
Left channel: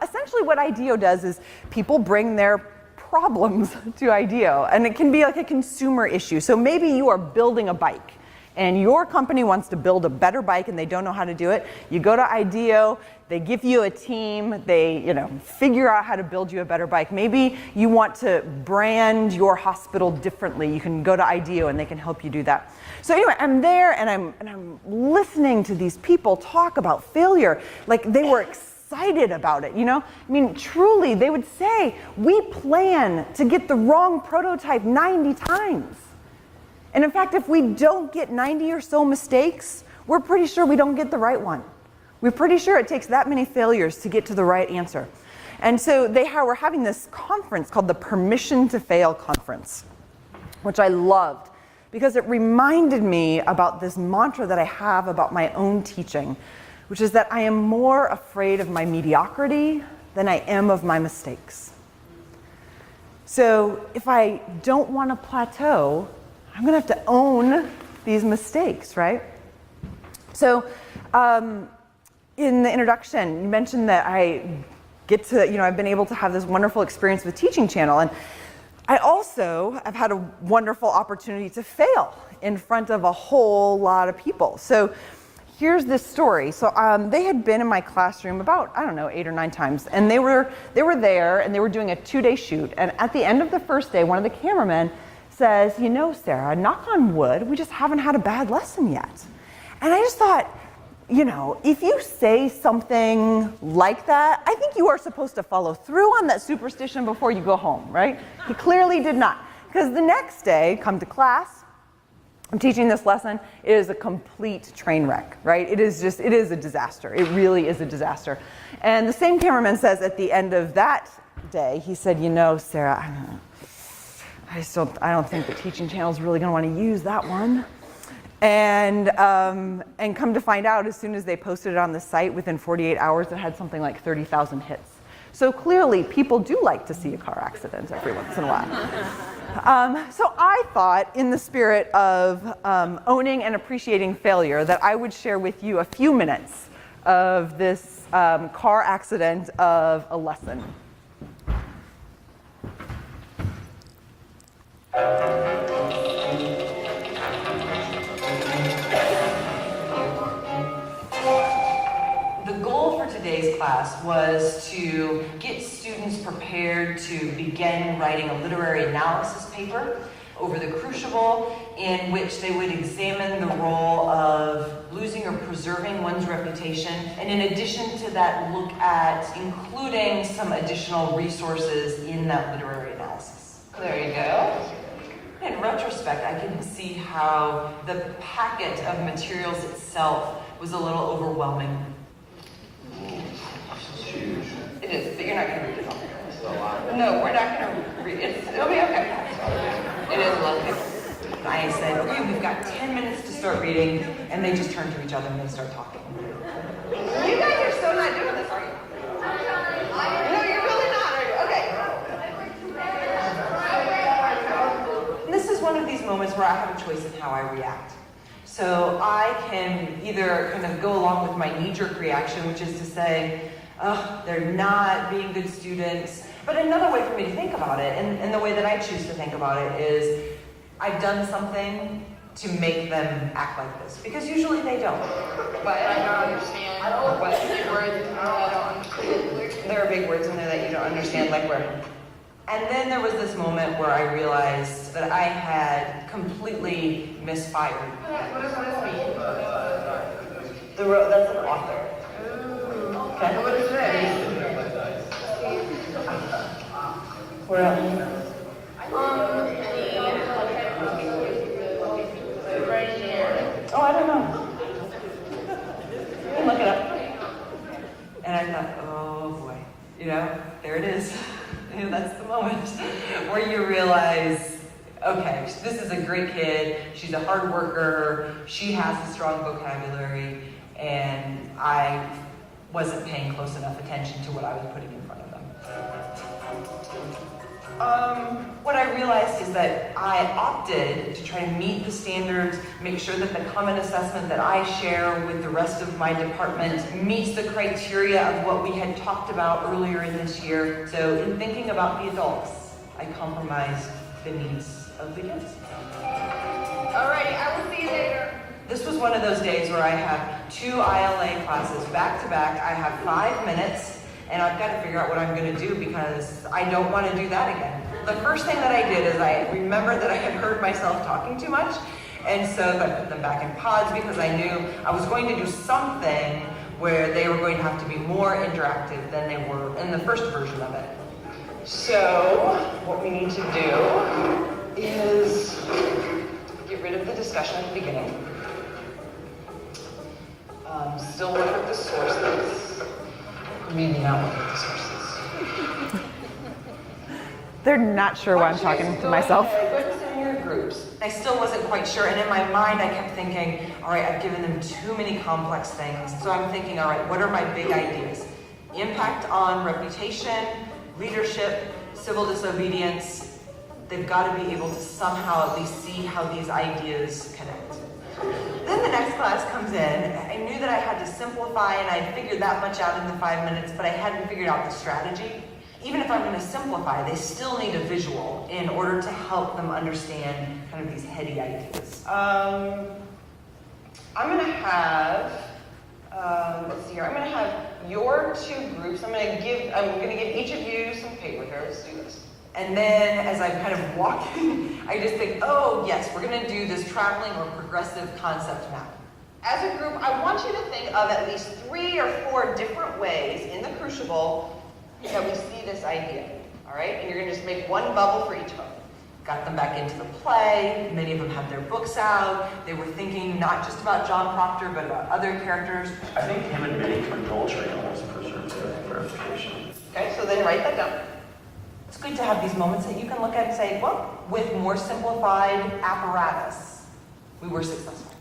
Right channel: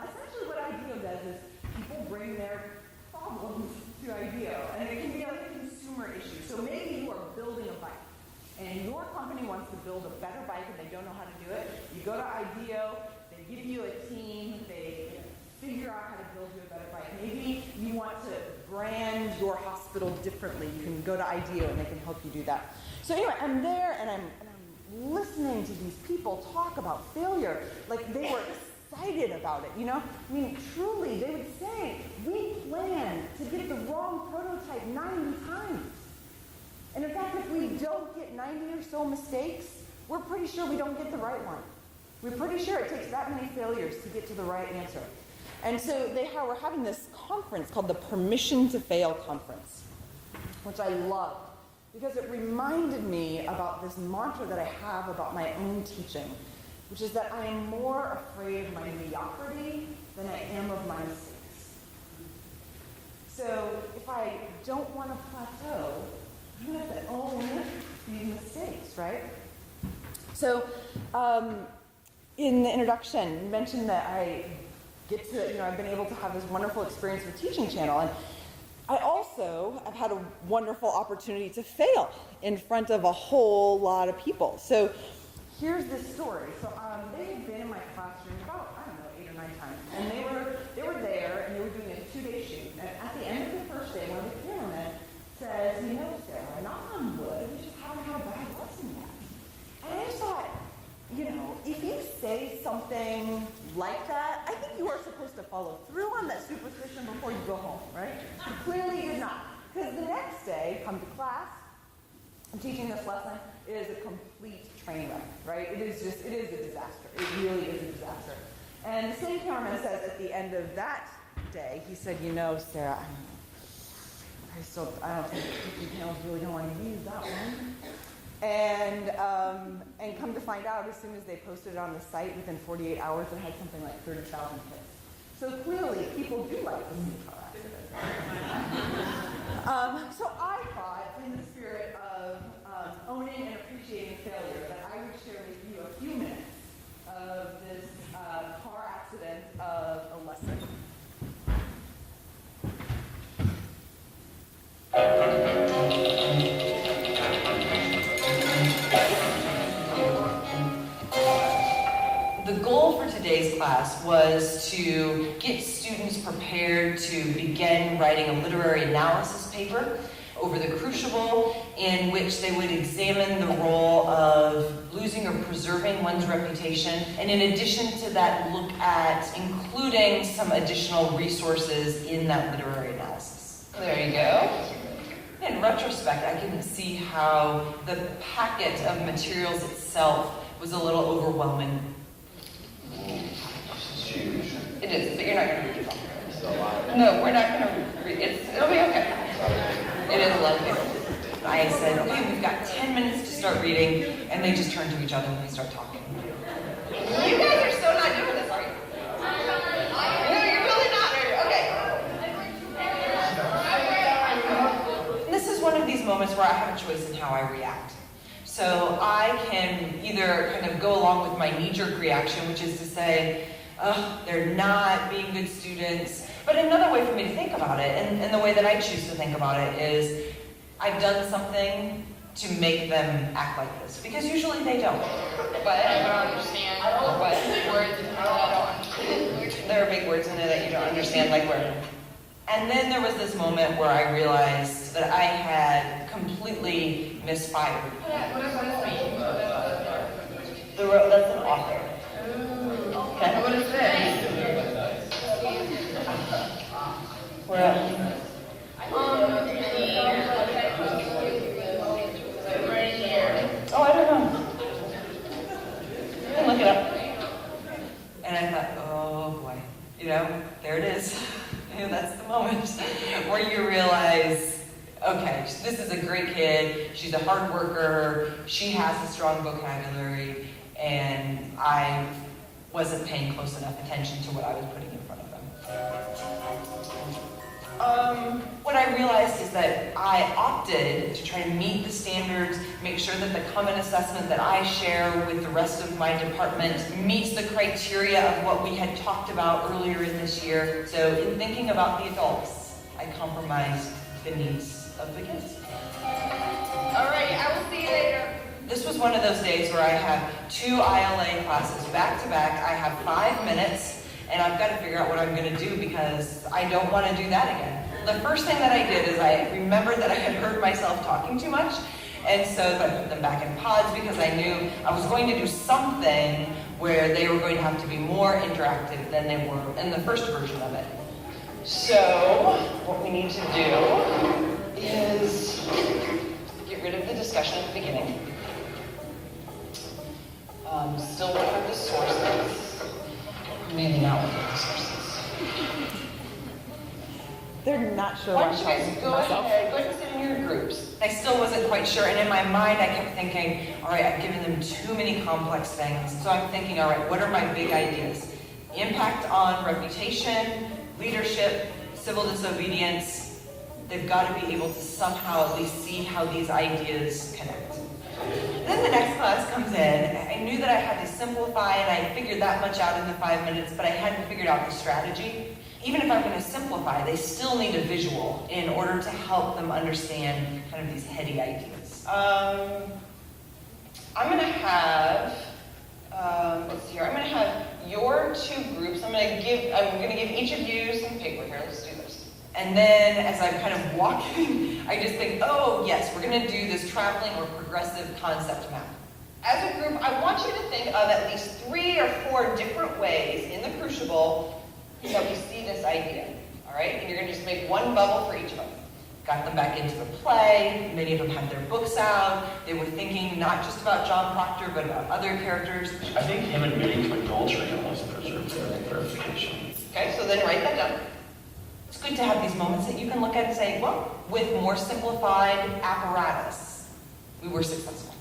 essentially what IDEO does is people bring their problems to IDEO, and it can be like a consumer issue. So maybe you are building a bike, and your company wants to build a better bike and they don't know how to do it. You go to IDEO, they give you a team, they figure out how to build you a better bike. Maybe you want to brand your hospital differently. You can go to IDEO and they can help you do that. So anyway, I'm there and I'm listening to these people talk about failure like they were excited about it, I mean, truly, they would say, we plan to get the wrong prototype 90 times. And in fact, if we don't get 90 or so mistakes, we're pretty sure we don't get the right one. We're pretty sure it takes that many failures to get to the right answer. And so they were having this conference called the Permission to Fail Conference, which I loved because it reminded me about this mantra that I have about my own teaching, which is that I am more afraid of my mediocrity than I am of my mistakes. So if I don't want to plateau, I'm going to have to own these mistakes, right? So in the introduction, you mentioned that I get to, I've been able to have this wonderful experience with Teaching Channel. And I also have had a wonderful opportunity to fail in front of a whole lot of people. So here's this story. So they had been in my classroom about, 8 or 9 times. And they were there and they were doing a 2-day shoot. And at the end of the first day, one of the cameramen says, Sarah, knock on wood, we just haven't had a bad lesson yet. And I just thought, if you say something like that, I think you are supposed to follow through on that superstition before you go home, right? He clearly did not. Because the next day, come to class, I'm teaching this lesson, it is a complete train wreck, right? It is a disaster. It really is a disaster. And the same cameraman says at the end of that day, he said, Sarah, I don't think the Teaching Channel is really going to want to use that one. And come to find out, as soon as they posted it on the site, within 48 hours, it had something like 30,000 hits. So clearly, people do like to see a car accident every once in a while. So I thought, in the spirit of owning and appreciating failure, that I would share with you a few minutes of this car accident of a lesson. The goal for today's class was to get students prepared to begin writing a literary analysis paper over the Crucible, in which they would examine the role of losing or preserving one's reputation, and in addition to that, look at including some additional resources in that literary analysis. There you go. In retrospect, I can see how the packet of materials itself was a little overwhelming. It is, but you're not going to read it all. No, we're not going to read it. It'll be okay. It is a lot of people. I said, okay, we've got 10 minutes to start reading, and they just turn to each other and they start talking. You guys are so not doing this, are you? No, you're really not, are you? Okay. This is one of these moments where I have a choice in how I react. So I can either kind of go along with my knee-jerk reaction, which is to say, oh, they're not being good students. But another way for me to think about it, and the way that I choose to think about it, is I've done something to make them act like this. Because usually they don't. But I don't understand. But there are big words in there that you don't understand, like where. And then there was this moment where I realized that I had completely misfired. What does that mean? That's an author. Okay. What is that? Where else? Oh, I don't know. You can look it up. And I thought, oh boy, there it is. That's the moment where you realize, okay, this is a great kid, she's a hard worker, she has a strong vocabulary, and I wasn't paying close enough attention to what I was putting in front of them. What I realized is that I opted to try to meet the standards, make sure that the common assessment that I share with the rest of my department meets the criteria of what we had talked about earlier in this year. So in thinking about the adults, I compromised the needs of the kids. All right, I will see you later. This was one of those days where I have 2 ILA classes back to back. I have 5 minutes, and I've got to figure out what I'm going to do because I don't want to do that again. The first thing that I did is I remembered that I had heard myself talking too much, and so I put them back in pods because I knew I was going to do something where they were going to have to be more interactive than they were in the first version of it. So what we need to do is get rid of the discussion at the beginning. Still work with the sources. Maybe not work with the sources. They're not sure why I'm talking to myself. Go ahead and sit in your groups. I still wasn't quite sure, and in my mind I kept thinking, all right, I've given them too many complex things. So I'm thinking, all right, what are my big ideas? Impact on reputation, leadership, civil disobedience. They've got to be able to somehow at least see how these ideas connect. Then the next class comes in. I knew that I had to simplify, and I figured that much out in the 5 minutes, but I hadn't figured out the strategy. Even if I'm going to simplify, they still need a visual in order to help them understand kind of these heady ideas. I'm going to have, let's see here, I'm going to have your 2 groups. I'm going to give each of you some paper here. Let's do this. And then as I'm kind of walking, I just think, oh yes, we're going to do this traveling or progressive concept map. As a group, I want you to think of at least 3 or 4 different ways in the Crucible that we see this idea, all right? And you're going to just make one bubble for each of them. Got them back into the play. Many of them have their books out. They were thinking not just about John Proctor, but about other characters. I think him admitting to a goal train was a clarification. Okay, so then write that down. It's good to have these moments that you can look at and say, well, with more simplified apparatus, we were successful.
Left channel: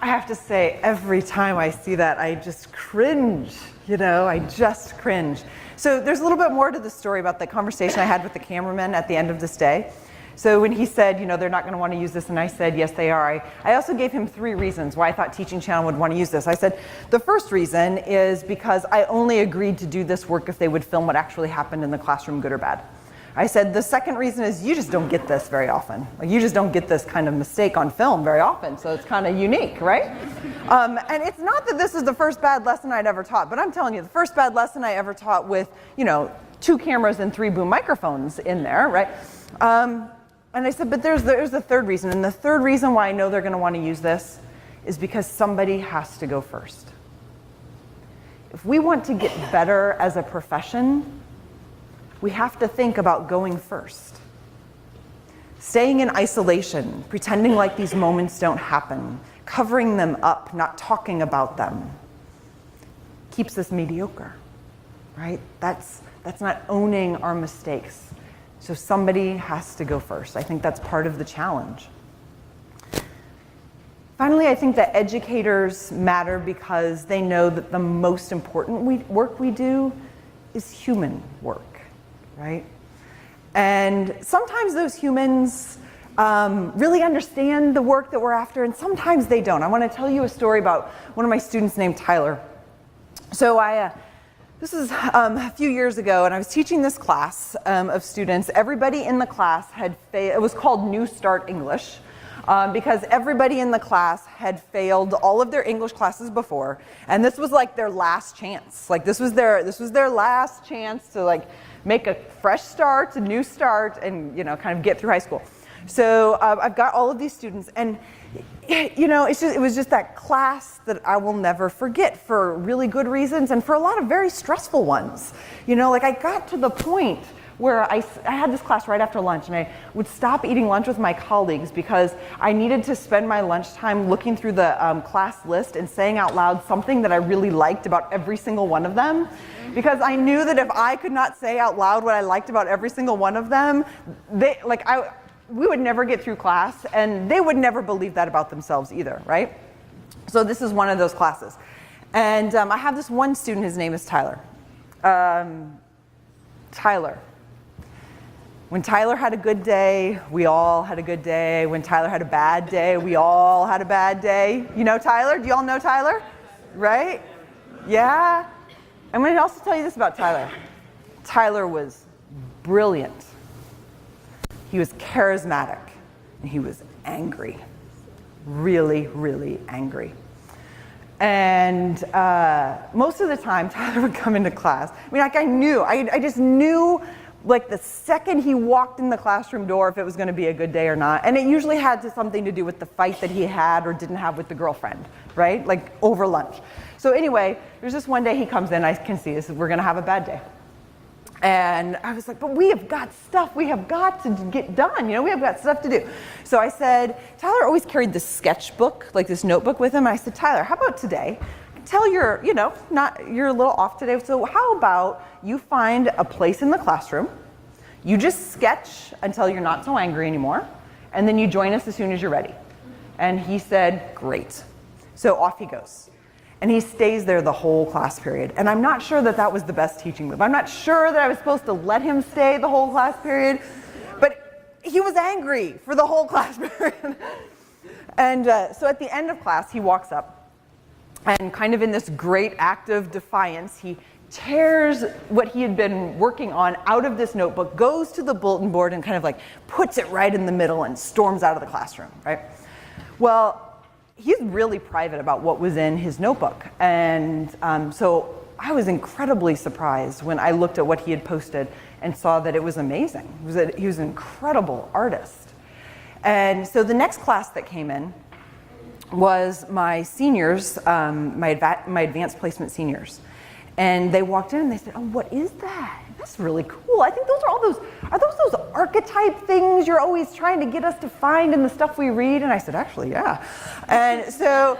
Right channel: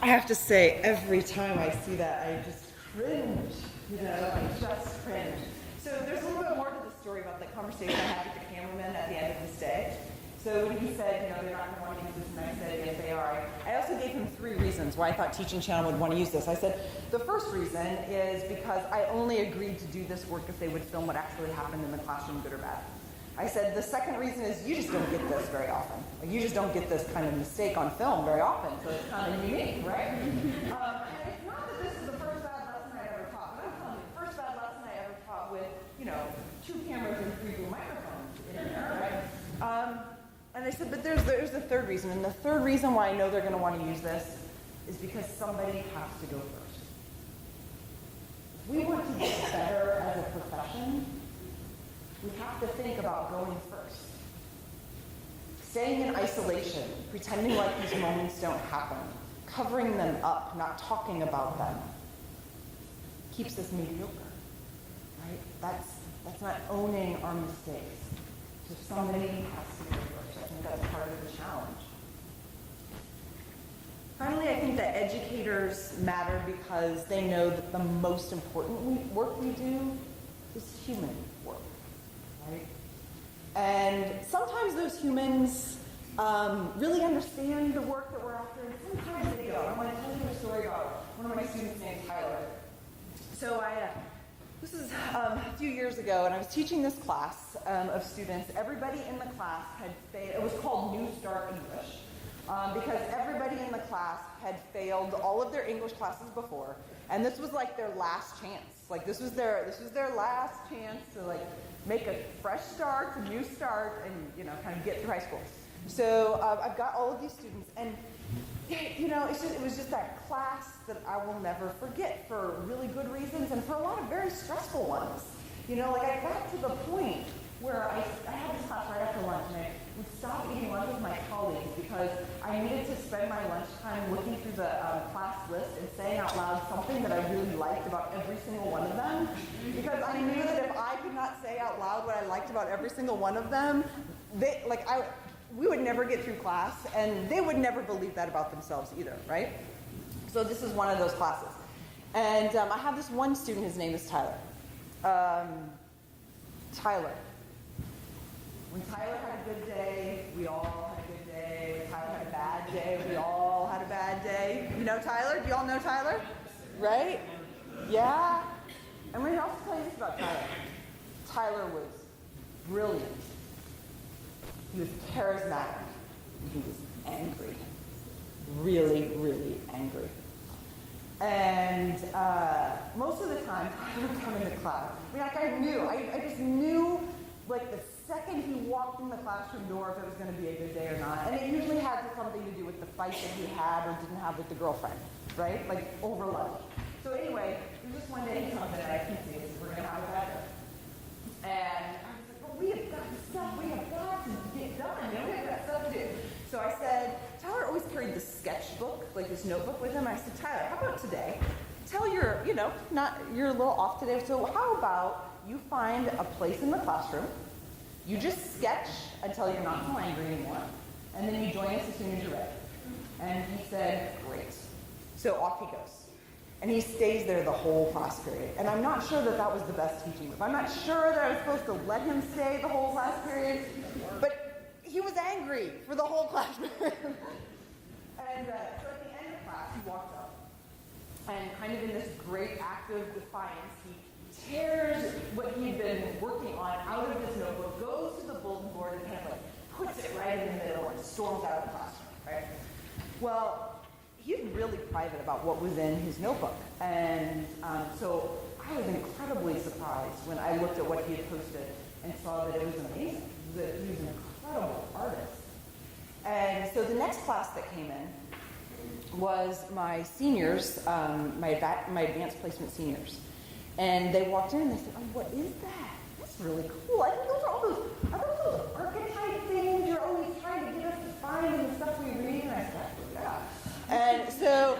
I have to say, every time I see that, I just cringe, I just cringe. So there's a little bit more to the story about the conversation I had with the cameraman at the end of this day. So when he said, they're not going to want to use this, and I said, yes, they are, I also gave him 3 reasons why I thought Teaching Channel would want to use this. I said, the first reason is because I only agreed to do this work if they would film what actually happened in the classroom, good or bad. I said, the second reason is you just don't get this very often. You just don't get this kind of mistake on film very often, so it's kind of unique, right? And it's not that this is the first bad lesson I'd ever taught, but I'm telling you, the first bad lesson I ever taught with, 2 cameras and 3 boom microphones in there, right? And I said, but there's the third reason, and the third reason why I know they're going to want to use this is because somebody has to go first. If we want to get better as a profession, we have to think about going first. Staying in isolation, pretending like these moments don't happen, covering them up, not talking about them, keeps us mediocre, right? That's not owning our mistakes. So somebody has to go first. I think that's part of the challenge. Finally, I think that educators matter because they know that the most important work we do is human work, right? And sometimes those humans really understand the work that we're after, and sometimes they don't. I want to tell you a story about one of my students named Tyler. So this is a few years ago, and I was teaching this class of students. Everybody in the class it was called New Start English, because everybody in the class had failed all of their English classes before, and this was like their last chance. Like this was their last chance to make a fresh start, a new start, and kind of get through high school. So I've got all of these students, and it was just that class that I will never forget for really good reasons and for a lot of very stressful ones. I got to the point where I had this class right after lunch, and I would stop eating lunch with my colleagues because I needed to spend my lunchtime looking through the class list and saying out loud something that I really liked about every single one of them, because I knew that if I could not say out loud what I liked about every single one of them, we would never get through class, and they would never believe that about themselves either, right? So this is one of those classes. And I have this one student, his name is Tyler. Tyler. When Tyler had a good day, we all had a good day. When Tyler had a bad day, we all had a bad day. You know Tyler? Do you all know Tyler? Right? Yeah? I'm going to also tell you this about Tyler. Tyler was brilliant. He was charismatic, and he was angry. Really, really angry. And most of the time, Tyler would come into class. I mean, like I just knew, like the second he walked in the classroom door, if it was going to be a good day or not. And it usually had something to do with the fight that he had or didn't have with the girlfriend, right? Like over lunch. So anyway, there's this one day he comes in, I can see this, we're going to have a bad day. And I was like, but we have got stuff we have got to get done. You know, we have got stuff to do. So I said, Tyler always carried this sketchbook, like this notebook with him. I said, Tyler, how about today? You're a little off today. So how about you find a place in the classroom, you just sketch until you're not so angry anymore, and then you join us as soon as you're ready. And he said, great. So off he goes. And he stays there the whole class period. And I'm not sure that that was the best teaching move. I'm not sure that I was supposed to let him stay the whole class period, but he was angry for the whole class period. And so at the end of class, he walks up, and kind of in this great act of defiance, he tears what he had been working on out of this notebook, goes to the bulletin board, and kind of like puts it right in the middle and storms out of the classroom, right? Well, he's really private about what was in his notebook. And so I was incredibly surprised when I looked at what he had posted and saw that it was amazing. He was an incredible artist. And so the next class that came in was my seniors, my advanced placement seniors. And they walked in and they said, oh, what is that? That's really cool. I think those are those archetype things you're always trying to get us to find in the stuff we read? And I said, actually, yeah. And so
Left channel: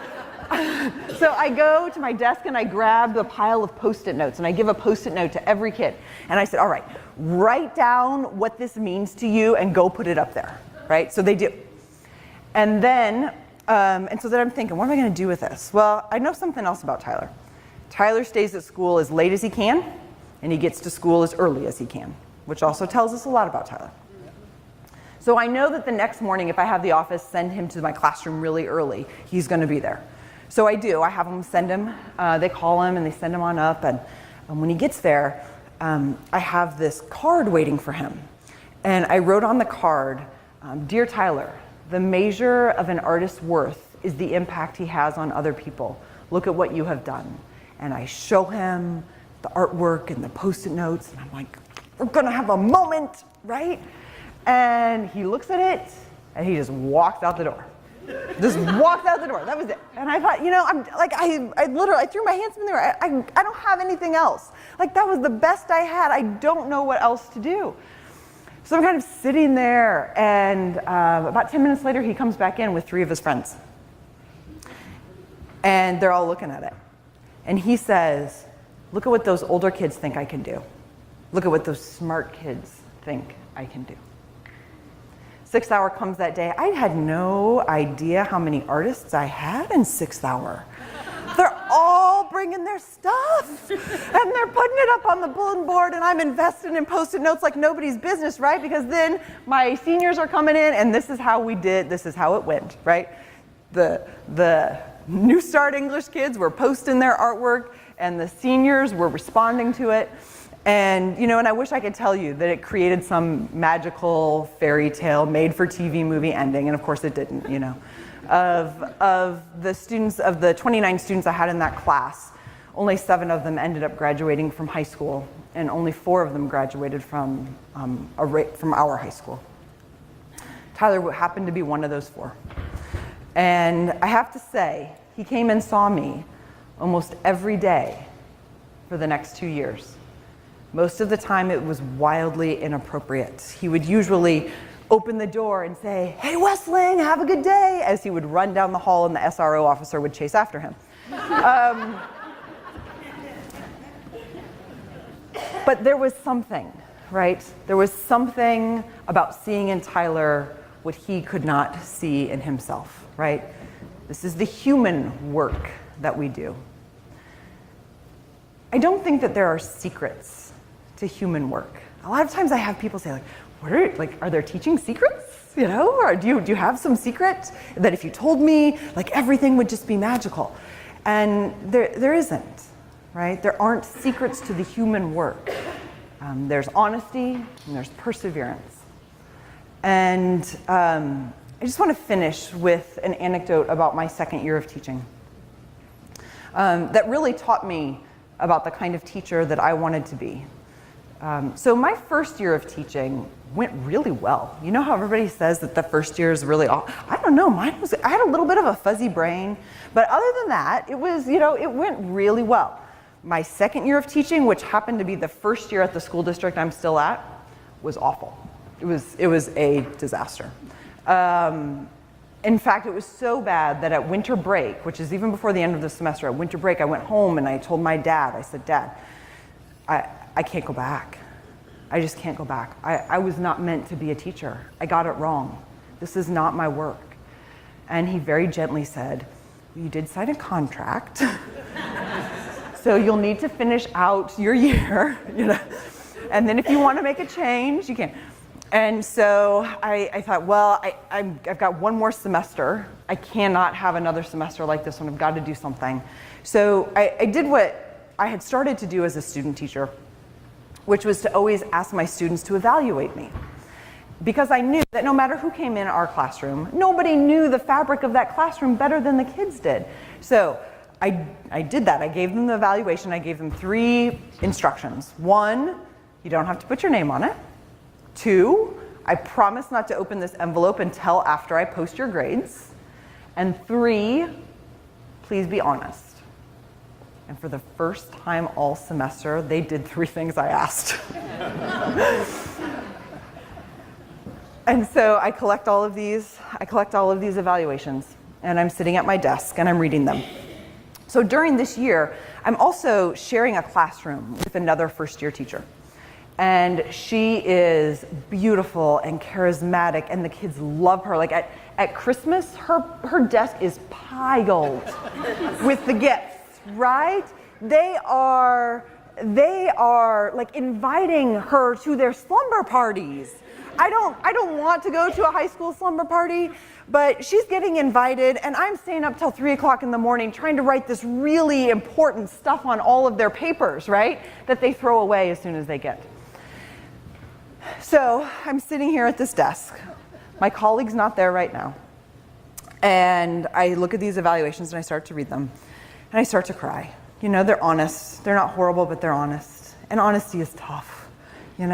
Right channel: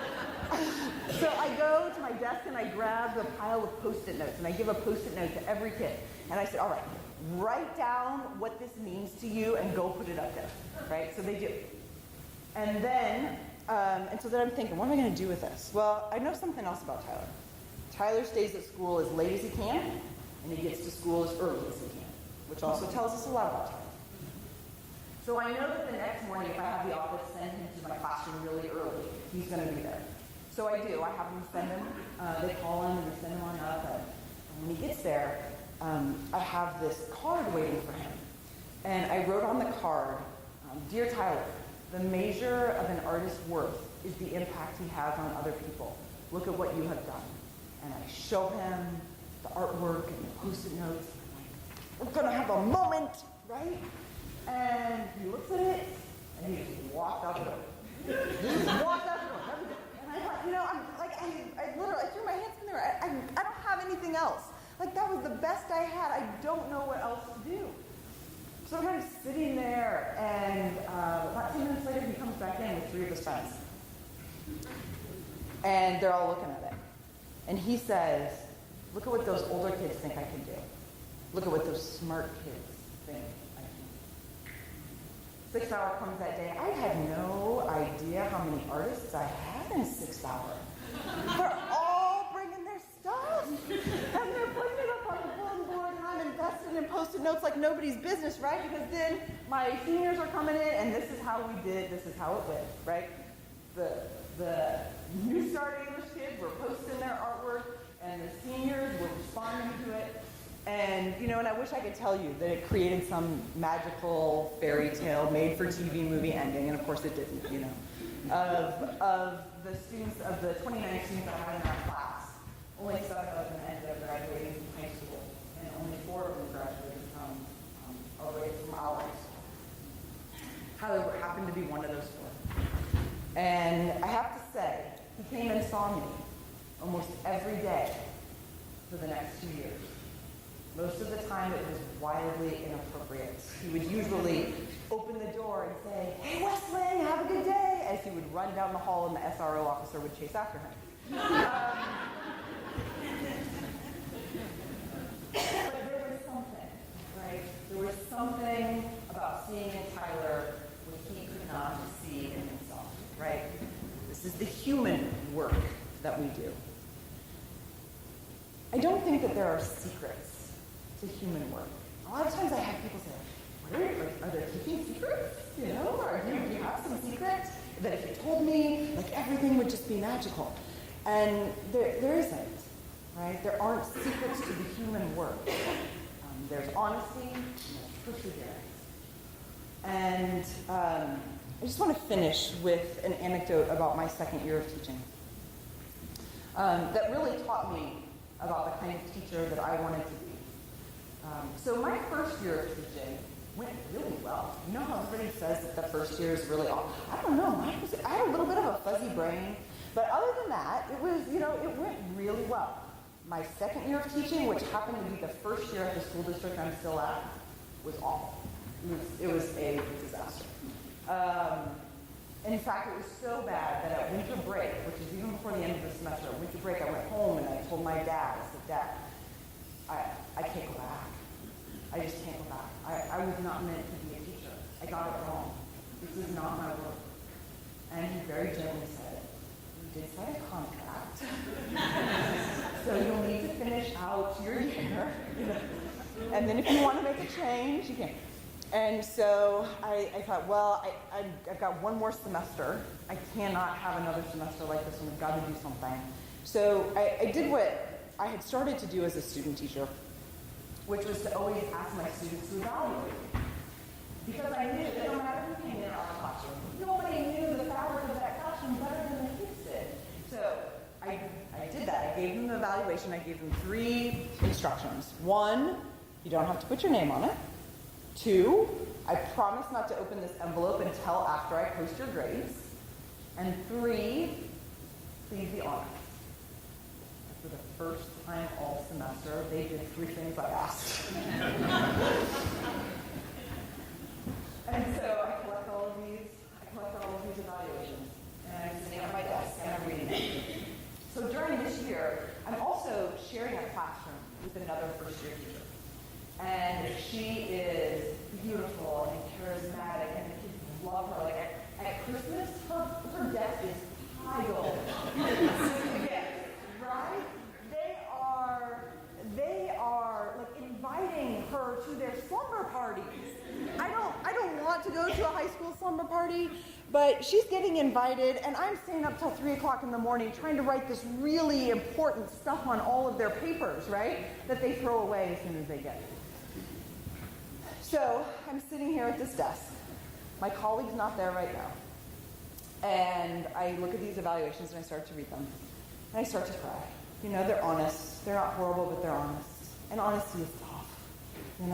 I go to my desk and I grab the pile of Postit Notes and I give a Postit Note to every kid. And I said, all right, write down what this means to you and go put it up there, right? So they do. And then I'm thinking, what am I going to do with this? Well, I know something else about Tyler. Tyler stays at school as late as he can, and he gets to school as early as he can, which also tells us a lot about Tyler. So I know that the next morning, if I have the office send him to my classroom really early, he's going to be there. So I do. I have them send him. They call him and they send him on up. And when he gets there, I have this card waiting for him. And I wrote on the card, Dear Tyler, the measure of an artist's worth is the impact he has on other people. Look at what you have done. And I show him the artwork and the Postit Notes, and I'm like, we're gonna have a moment, right? And he looks at it, and he just walks out the door. Just walks out the door, that was it. And I thought, I literally threw my hands in the air. I don't have anything else. Like, that was the best I had. I don't know what else to do. So I'm kind of sitting there, and about 10 minutes later, he comes back in with 3 of his friends. And they're all looking at it. And he says, look at what those older kids think I can do. Look at what those smart kids think I can do. 6th hour comes that day. I had no idea how many artists I had in 6th hour. They're all bringing their stuff, and they're putting it up on the bulletin board, and I'm invested in Postit Notes like nobody's business, right? Because then my seniors are coming in, and this is how we did, this is how it went, right? The New Start English kids were posting their artwork, and the seniors were responding to it. And, and I wish I could tell you that it created some magical fairy tale made-for-TV movie ending, and of course it didn't, Of the students, of the 29 students I had in that class, only 7 of them ended up graduating from high school, and only 4 of them graduated from our high school. Tyler happened to be one of those 4. And I have to say, he came and saw me almost every day for the next 2 years. Most of the time it was wildly inappropriate. He would usually open the door and say, hey, Wessling, have a good day, as he would run down the hall and the SRO officer would chase after him. But there was something, right? There was something about seeing in Tyler what he could not see in himself, right? This is the human work that we do. I don't think that there are secrets to human work. A lot of times I have people say, are there teaching secrets? Or do you have some secret that if you told me, everything would just be magical? And there isn't. right? There aren't secrets to the human work. There's honesty and there's perseverance. And I just want to finish with an anecdote about my second year of teaching that really taught me about the kind of teacher that I wanted to be. So my first year of teaching went really well. You know how everybody says that the first year is really awful? I don't know, I had a little bit of a fuzzy brain, but other than that, it was, it went really well. My second year of teaching, which happened to be the first year at the school district I'm still at, was awful. It was a disaster. In fact, it was so bad that at winter break, which is even before the end of the semester, at winter break I went home and I told my dad, I said, Dad, I can't go back. I just can't go back. I was not meant to be a teacher. I got it wrong. This is not my work. And he very gently said, you did sign a contract, so you'll need to finish out your year, and then if you want to make a change, you can. And so I thought, well, I've got one more semester. I cannot have another semester like this one. I've got to do something. So I did what I had started to do as a student teacher, which was to always ask my students to evaluate me. Because I knew that no matter who came in our classroom, nobody knew the fabric of that classroom better than the kids did. So I did that. I gave them the evaluation. I gave them 3 instructions. 1, you don't have to put your name on it. 2, I promise not to open this envelope until after I post your grades. And 3, please be honest. And for the first time all semester, they did 3 things I asked. And so I collect all of these evaluations, and I'm sitting at my desk and I'm reading them. So during this year, I'm also sharing a classroom with another first-year teacher. And she is beautiful and charismatic, and the kids love her. Like at Christmas, her desk is piled with the gifts, right? They are like inviting her to their slumber parties. I don't want to go to a high school slumber party, but she's getting invited, and I'm staying up till 3 o'clock in the morning trying to write this really important stuff on all of their papers, right? That they throw away as soon as they get. So I'm sitting here at this desk. My colleague's not there right now. And I look at these evaluations and I start to read them. And I start to cry. They're honest. They're not horrible, but they're honest. And honesty is tough, And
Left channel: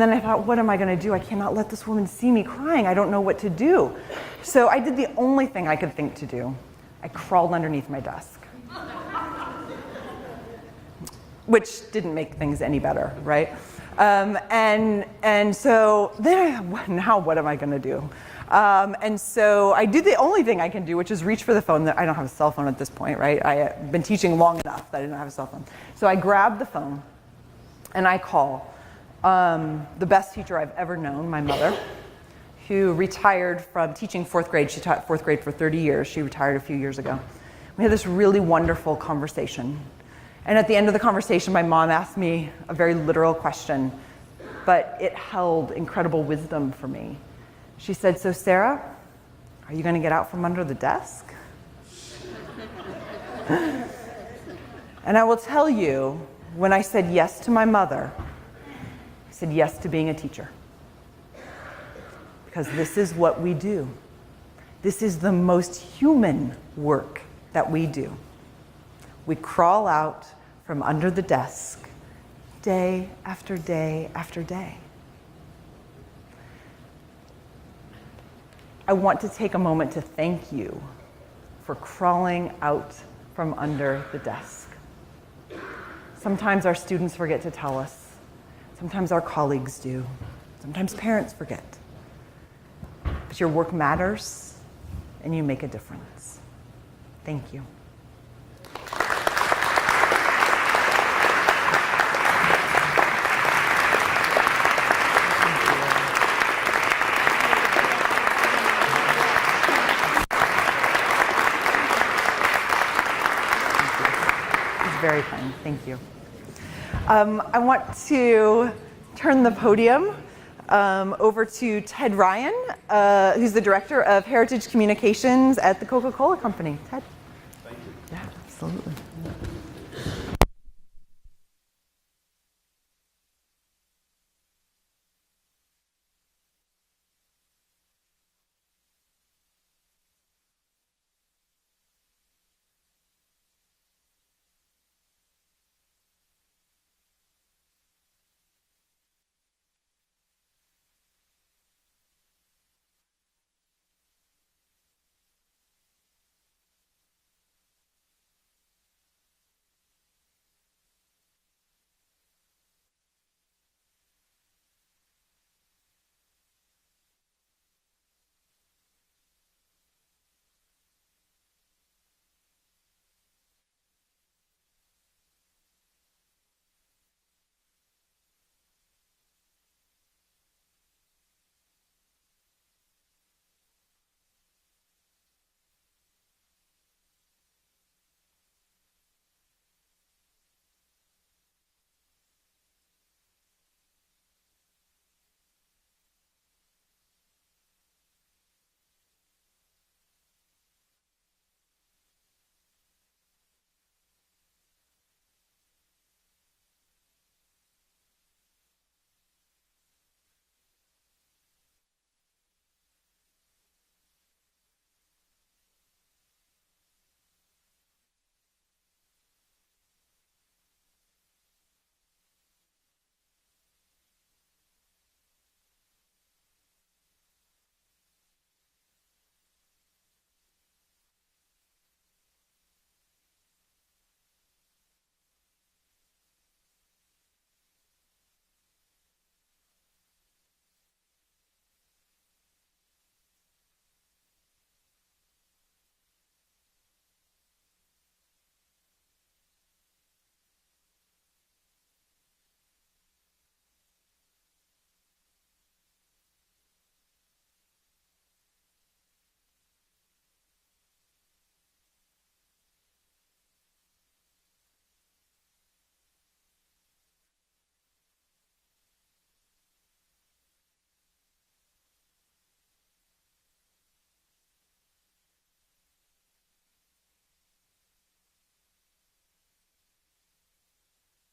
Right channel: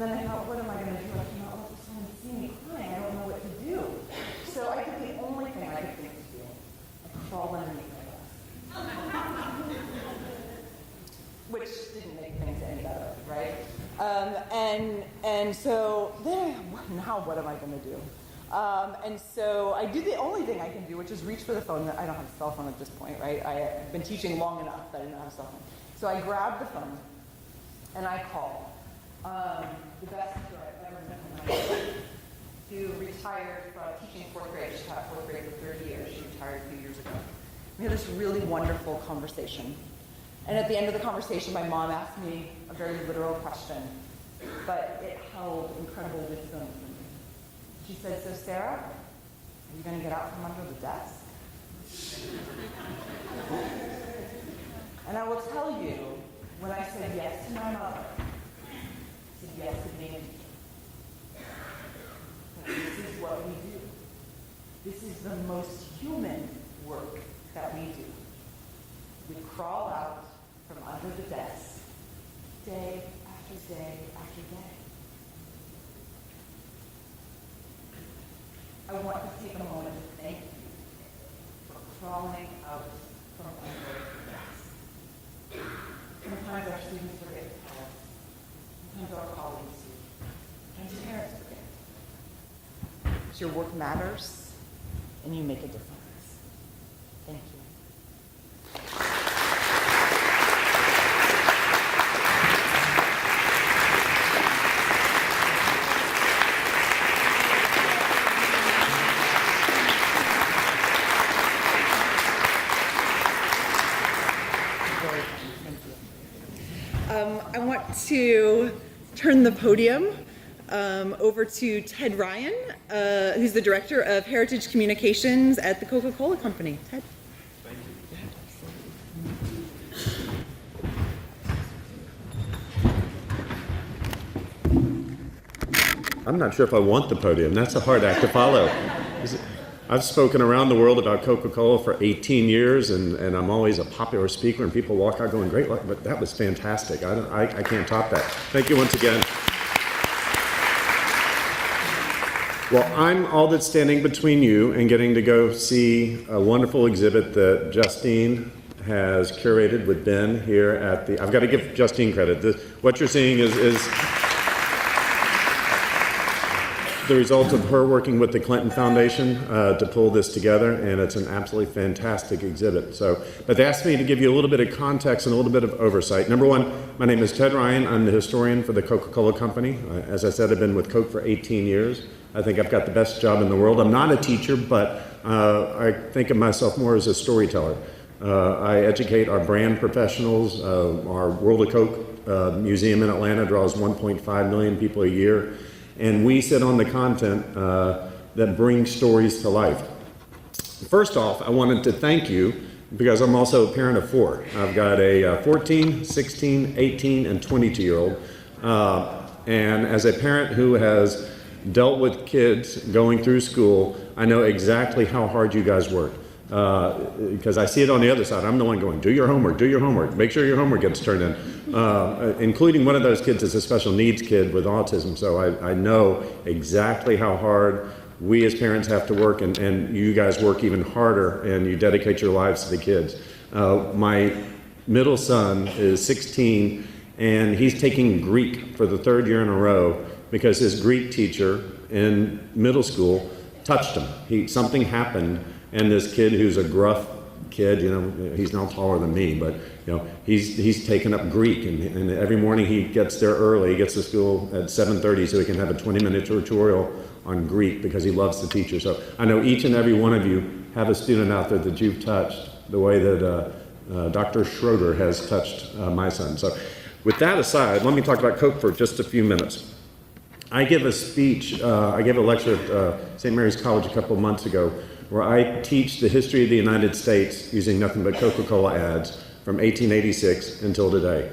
then I thought, what am I going to do? I cannot let this woman see me crying. I don't know what to do. So I did the only thing I could think to do. I crawled underneath my desk. Which didn't make things any better, right? And so then now what am I going to do? And so I do the only thing I can do, which is reach for the phone. I don't have a cell phone at this point, right? I've been teaching long enough that I didn't have a cell phone. So I grab the phone and I call the best teacher I've ever known, my mother, who retired from teaching 4th grade. She taught 4th grade for 30 years. She retired a few years ago. We had this really wonderful conversation. And at the end of the conversation, my mom asked me a very literal question, but it held incredible wisdom for me. She said, so Sarah, are you going to get out from under the desk? And I will tell you, when I said yes to my mother, I said yes to being a teacher. Because this is what we do. This is the most human work that we do. We crawl out from under the desk day after day after day. I want to take a moment to thank you for crawling out from under the desk. Sometimes our students forget to tell us. Sometimes our colleagues do. Sometimes parents forget. But your work matters, and you make a difference. Thank you. Very kind, thank you. I want to turn the podium over to Ted Ryan, who's the Director of Heritage Communications at the Coca-Cola Company. Ted? Thank you. Yeah, absolutely. I'm not sure if I want the podium. That's a hard act to follow. I've spoken around the world about Coca-Cola for 18 years, and I'm always a popular speaker, and people walk out going, great, but that was fantastic. I can't top that. Thank you once again. Well, I'm all that's standing between you and getting to go see a wonderful exhibit that Justine has curated with Ben here at the, I've got to give Justine credit. What you're seeing is the result of her working with the Clinton Foundation to pull this together, and it's an absolutely fantastic exhibit. But they asked me to give you a little bit of context and a little bit of oversight. Number one, my name is Ted Ryan. I'm the historian for the Coca-Cola Company. As I said, I've been with Coke for 18 years. I think I've got the best job in the world. I'm not a teacher, but I think of myself more as a storyteller. I educate our brand professionals. Our World of Coke museum in Atlanta draws 1.5 million people a year. And we sit on the content that brings stories to life. First off, I wanted to thank you because I'm also a parent of 4. I've got a 14, 16, 18, and 22-year-old. And as a parent who has dealt with kids going through school, I know exactly how hard you guys work. Because I see it on the other side. I'm the one going, do your homework, make sure your homework gets turned in. Including one of those kids is a special needs kid with autism, so I know exactly how hard we as parents have to work, and you guys work even harder, and you dedicate your lives to the kids. My middle son is 16, and he's taking Greek for the 3rd year in a row because his Greek teacher in middle school touched him. Something happened, and this kid who's a gruff kid, he's now taller than me, but he's taken up Greek, and every morning he gets there early. He gets to school at 7:30 so he can have a 20-minute tutorial on Greek because he loves the teacher. So I know each and every one of you have a student out there that you've touched the way that Dr. Schroeder has touched my son. So with that aside, let me talk about Coke for just a few minutes. I gave a speech, I gave a lecture at St. Mary's College a couple of months ago where I teach the history of the United States using nothing but Coca-Cola ads from 1886 until today.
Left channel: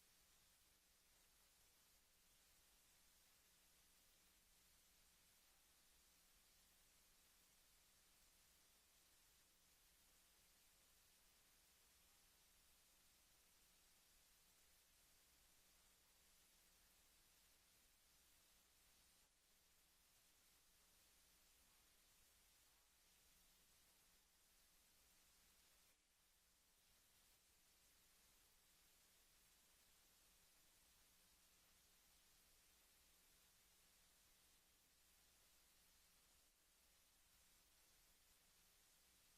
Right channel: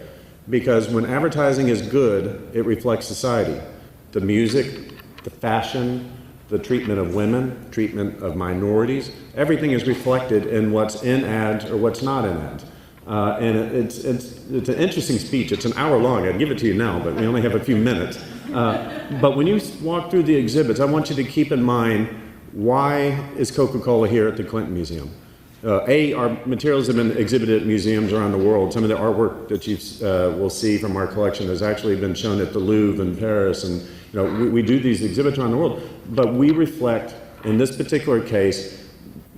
Because when advertising is good, it reflects society. The music, the fashion, the treatment of women, treatment of minorities, everything is reflected in what's in ads or what's not in ads. And it's an interesting speech. It's an hour long. I'd give it to you now, but we only have a few minutes. But when you walk through the exhibits, I want you to keep in mind, why is Coca-Cola here at the Clinton Museum? Our materials have been exhibited at museums around the world. Some of the artwork that you will see from our collection has actually been shown at the Louvre in Paris. And we do these exhibits around the world. But we reflect, in this particular case,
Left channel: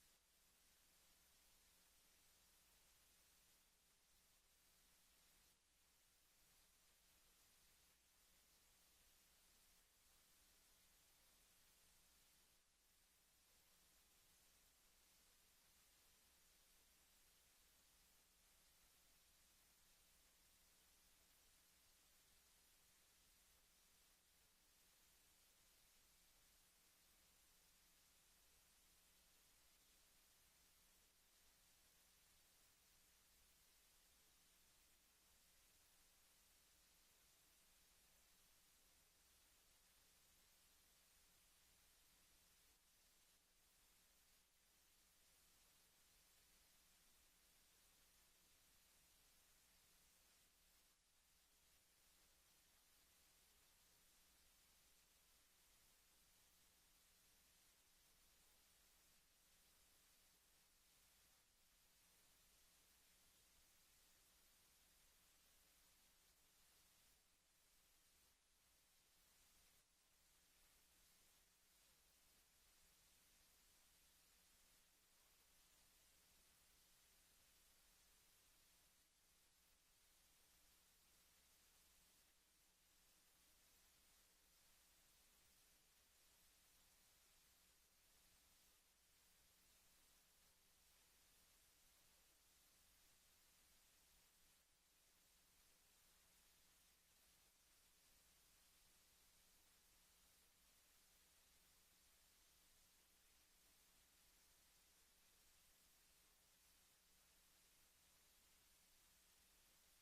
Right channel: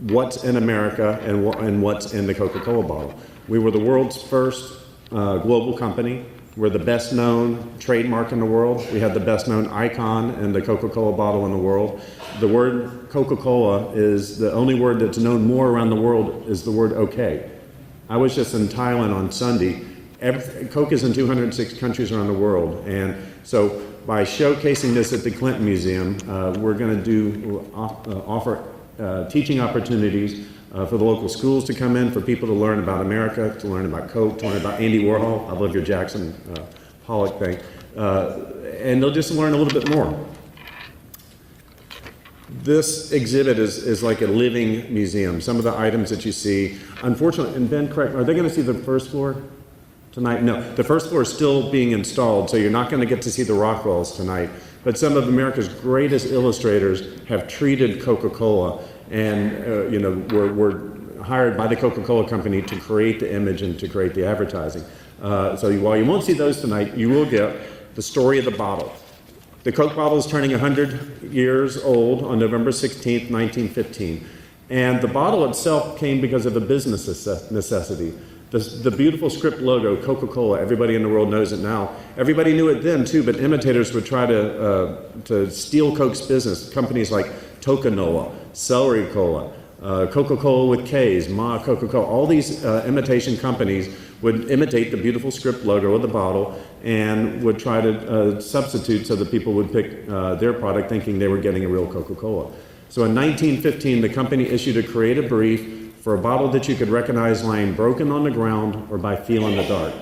what's in America and what's in the Coca-Cola bottle. We were the world's first global company. We're the best known trademark in the world. We have the best known icon in the Coca-Cola bottle in the world. The word Coca-Cola is the only word that's known more around the world is the word okay. I was just in Thailand on Sunday. Coke is in 206 countries around the world. And so by showcasing this at the Clinton Museum, we're going to offer teaching opportunities for the local schools to come in, for people to learn about America, to learn about Coke, to learn about Andy Warhol. I love your Jackson Pollock thing. And they'll just learn a little bit more. This exhibit is like a living museum. Some of the items that you see, unfortunately, and Ben, correct, are they going to see the first floor tonight? No, the first floor is still being installed, so you're not going to get to see the Rockwells tonight. But some of America's greatest illustrators have treated Coca-Cola, and were hired by the Coca-Cola Company to create the image and to create the advertising. So while you won't see those tonight, you will get the story of the bottle. The Coke bottle is turning 100 years old on November 16th, 1915. And the bottle itself came because of a business necessity. The beautiful script logo, Coca-Cola, everybody in the world knows it now. Everybody knew it then too, but imitators would try to steal Coke's business. Companies like Tocanola, Celery Cola, Coca-Cola with K's, Ma Coca-Cola, all these imitation companies would imitate the beautiful script logo of the bottle and would try to substitute so that people would pick their product thinking they were getting a real Coca-Cola. So in 1915, the company issued a creative brief for a bottle that you could recognize lying broken on the ground or by feel in the dark.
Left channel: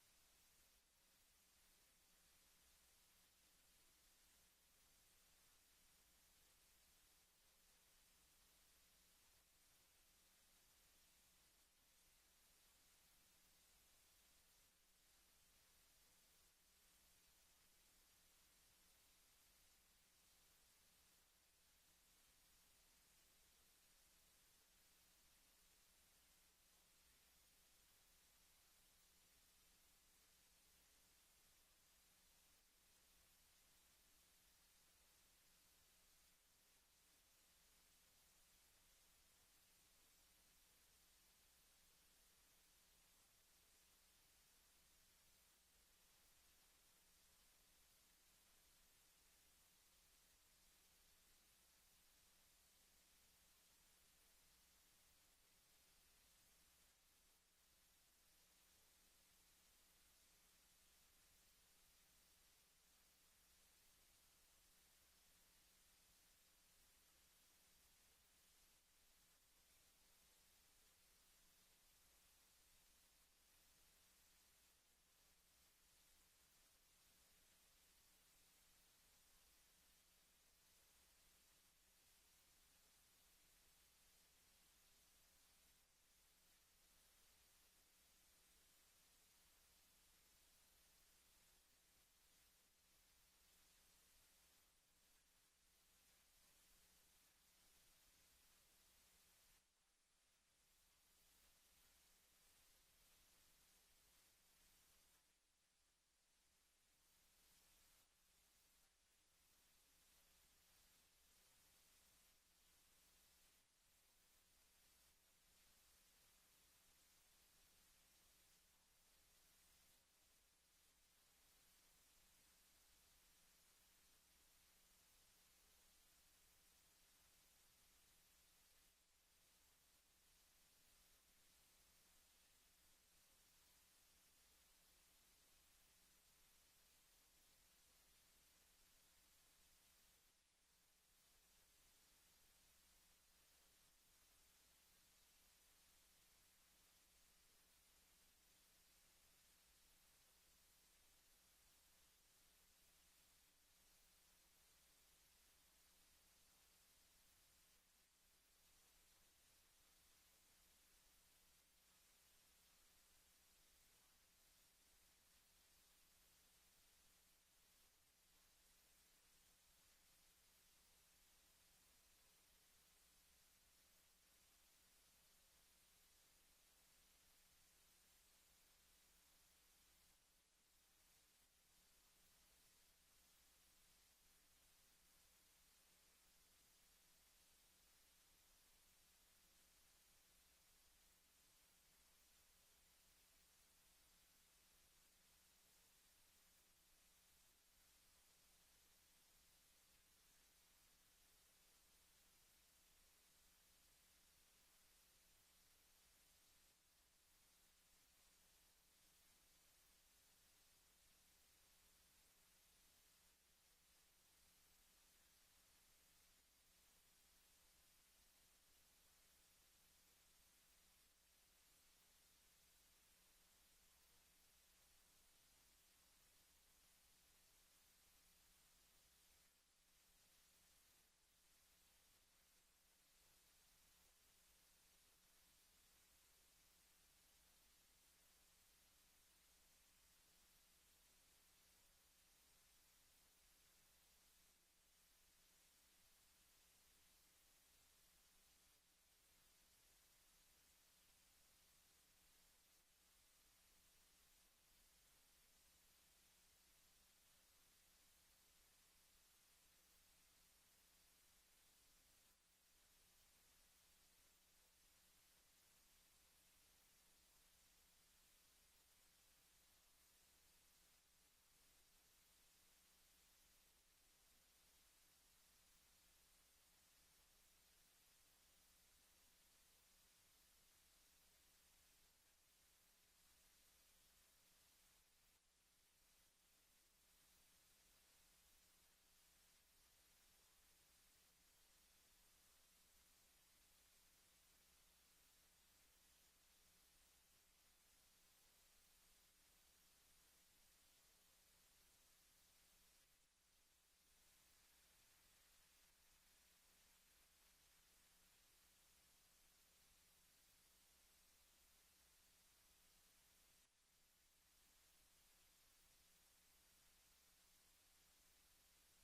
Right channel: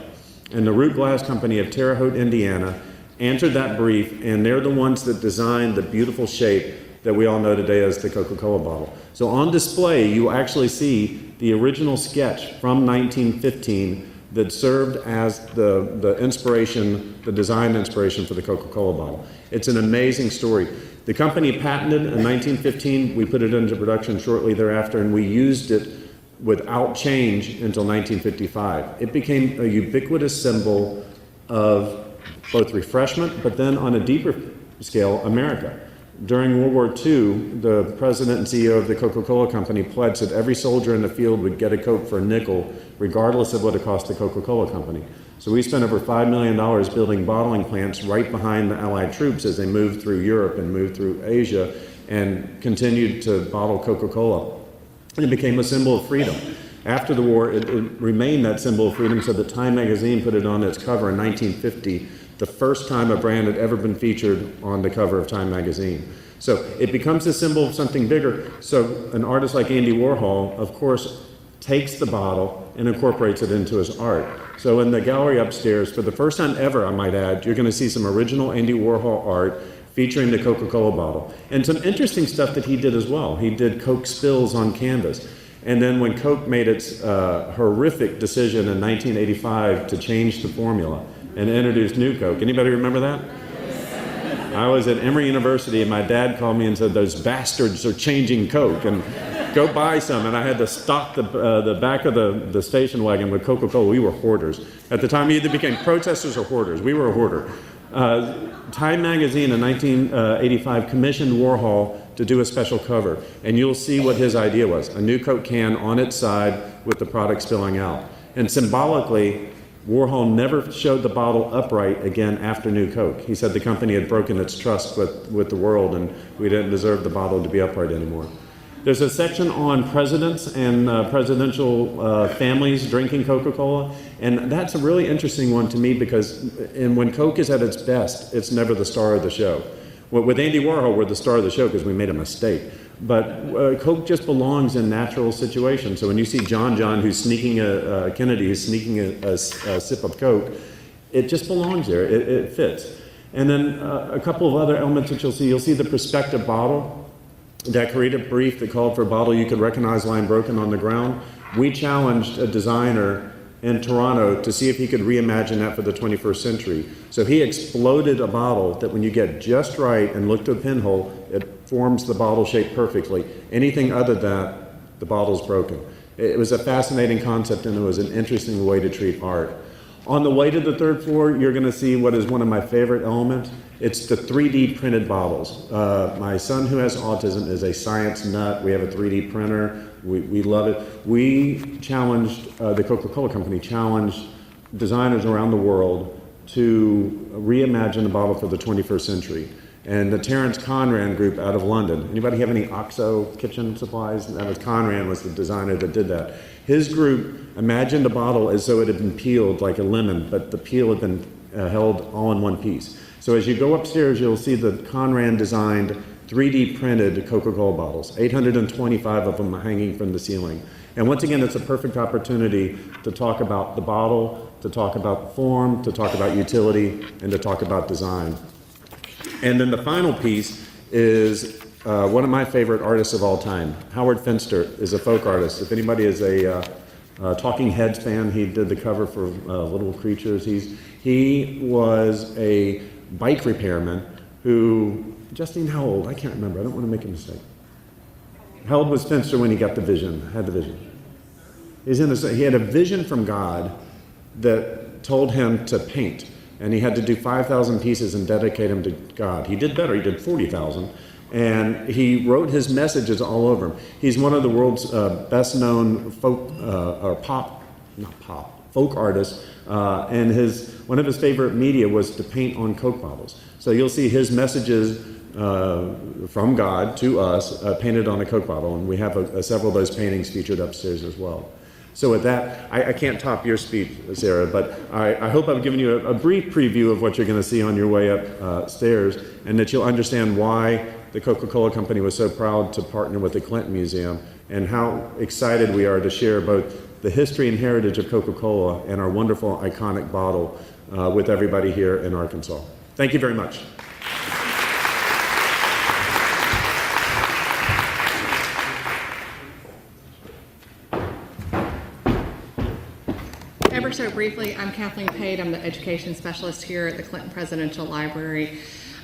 And the Root Glass Company of Terre Haute, Indiana, answered that brief, and they're the ones that designed the beautiful shape that we all know today as the Coca-Cola bottle. So on display, you actually see the original sketch from 1915 that served as the inspiration, the design inspiration for the Coca-Cola bottle. It's an amazing story. The company patented in 1915. We put it into production shortly thereafter, and we used it without change until 1955. It became a ubiquitous symbol of both refreshment, but then on a deeper scale, America. During World War II, the president and CEO of the Coca-Cola company pledged that every soldier in the field would get a Coke for a nickel, regardless of what it cost the Coca-Cola company. So we spent over $5 million building bottling plants right behind the Allied troops as they moved through Europe and moved through Asia and continued to bottle Coca-Cola. And it became a symbol of freedom. After the war, it remained that symbol of freedom, so that Time magazine put it on its cover in 1950, the first time a brand had ever been featured on the cover of Time magazine. So it becomes a symbol of something bigger. So an artist like Andy Warhol, of course, takes the bottle and incorporates it into his art. So in the gallery upstairs, for the first time ever, I might add, you're going to see some original Andy Warhol art featuring the Coca-Cola bottle. And some interesting stuff that he did as well. He did Coke spills on canvas. And then when Coke made its horrific decision in 1985 to change the formula and introduce New Coke. Anybody remember that? I was at Emory University and my dad called me and said, "Those bastards are changing Coke, and go buy some." And I had to stock the back of the station wagon with Coca-Cola. We were hoarders. At the time, we either became protesters or hoarders. We were a hoarder. Time magazine in 1985 commissioned Warhol to do a special cover, and you'll see what his idea was. A new Coke can on its side with the product spilling out. And symbolically, Warhol never showed the bottle upright again after New Coke. He said the company had broken its trust with the world, and we didn't deserve the bottle to be upright anymore. There's a section on presidents and presidential families drinking Coca-Cola, and that's a really interesting one to me because when Coke is at its best, it's never the star of the show. Well, with Andy Warhol, we're the star of the show because we made a mistake. But Coke just belongs in natural situations. So when you see John, who's sneaking Kennedy, who's sneaking a sip of Coke, it just belongs there. It fits. And then a couple of other elements that you'll see the perspective bottle. That creative brief that called for a bottle you could recognize lying broken on the ground. We challenged a designer in Toronto to see if he could reimagine that for the 21st century. So he exploded a bottle that when you get just right and look to a pinhole, it forms the bottle shape perfectly. Anything other than that, the bottle's broken. It was a fascinating concept, and it was an interesting way to treat art. On the way to the third floor, you're going to see what is one of my favorite elements. It's the 3D printed bottles. My son, who has autism, is a science nut. We have a 3D printer. We love it. We challenged, the Coca-Cola company challenged designers around the world to reimagine the bottle for the 21st century. And the Terence Conran group out of London. Anybody have any OXO kitchen supplies? That was Conran was the designer that did that. His group imagined a bottle as though it had been peeled like a lemon, but the peel had been held all in one piece. So as you go upstairs, you'll see the Conran designed 3D printed Coca-Cola bottles, 825 of them hanging from the ceiling. And once again, it's a perfect opportunity to talk about the bottle, to talk about form, to talk about utility, and to talk about design. And then the final piece is one of my favorite artists of all time. Howard Finster is a folk artist. If anybody is a Talking Heads fan, he did the cover for Little Creatures. He was a bike repairman who, Justine, how old? I can't remember. I don't want to make a mistake. How old was Finster when he got the vision, had the vision? He had a vision from God that told him to paint. And he had to do 5,000 pieces and dedicate them to God. He did better. He did 40,000. And he wrote his messages all over them. He's one of the world's best-known folk artists. And one of his favorite media was to paint on Coke bottles. So you'll see his messages from God to us painted on a Coke bottle. And we have several of those paintings featured upstairs as well. So with that, I can't top your speech, Sarah, but I hope I've given you a brief preview of what you're going to see on your way upstairs, and that you'll understand why the Coca-Cola Company was so proud to partner with the Clinton Museum, and how excited we are to share both the history and heritage of Coca-Cola and our wonderful iconic bottle with everybody here in Arkansas. Thank you very much. Ever so briefly, I'm Kathleen Pate. I'm the education specialist here at the Clinton Presidential Library.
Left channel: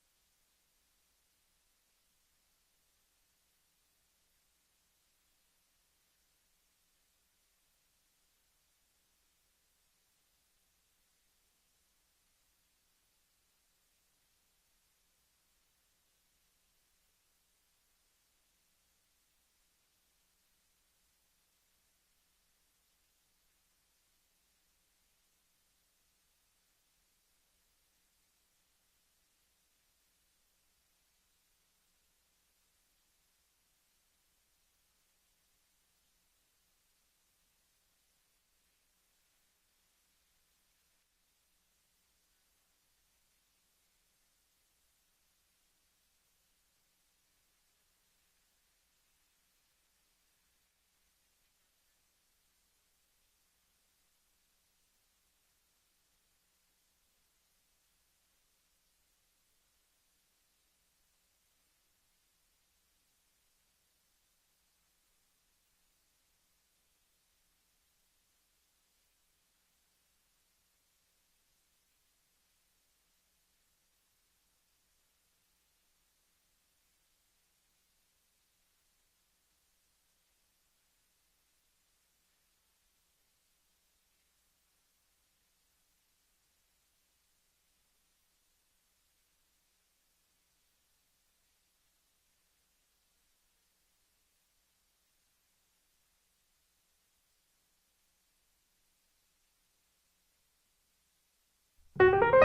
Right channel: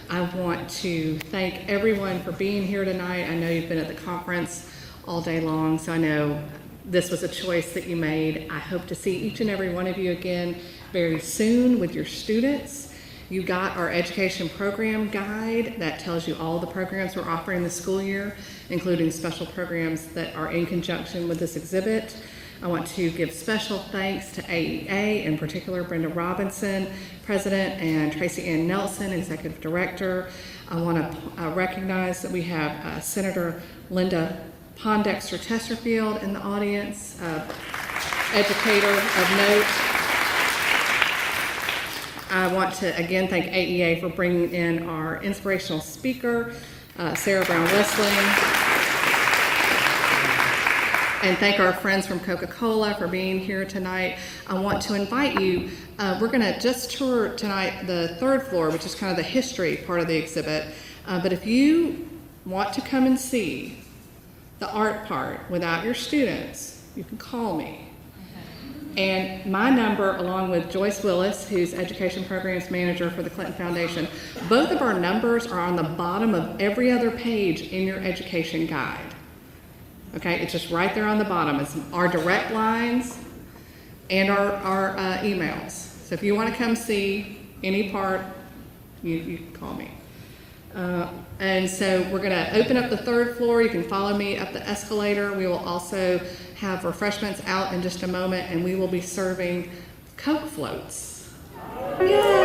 I want to thank everyone for being here tonight. I know you've been at the conference all day long, so I know this was a choice that you made. I hope to see each and every one of you again very soon with your students. You got our education program guide that tells you all the programs we're offering this school year, including special programs that are in conjunction with this exhibit. I want to give special thanks to AEA, in particular Brenda Robinson, President, and Tracy Ann Nelson, Executive Director. I want to recognize that we have Senator Linda Pondexter-Chesterfield in the audience, educator of note. I want to again thank AEA for bringing in our inspirational speaker, Sarah Brown Wessling. And thank our friends from CocaCola for being here tonight. I want to invite you, we're gonna just tour tonight the third floor, which is kind of the history part of the exhibit. But if you want to come and see the art part without your students, you can call me. And my number, along with Joyce Willis, who's Education Programs Manager for the Clinton Foundation, both of our numbers are on the bottom of every other page in your education guide. Okay, it's just right there on the bottom. It's our direct lines and our emails. So if you want to come see any part, you can call me. And so we're going to open up the third floor. You can follow me up the escalator. We will also have refreshments out in just a moment, and we will be serving Coke floats. Yay!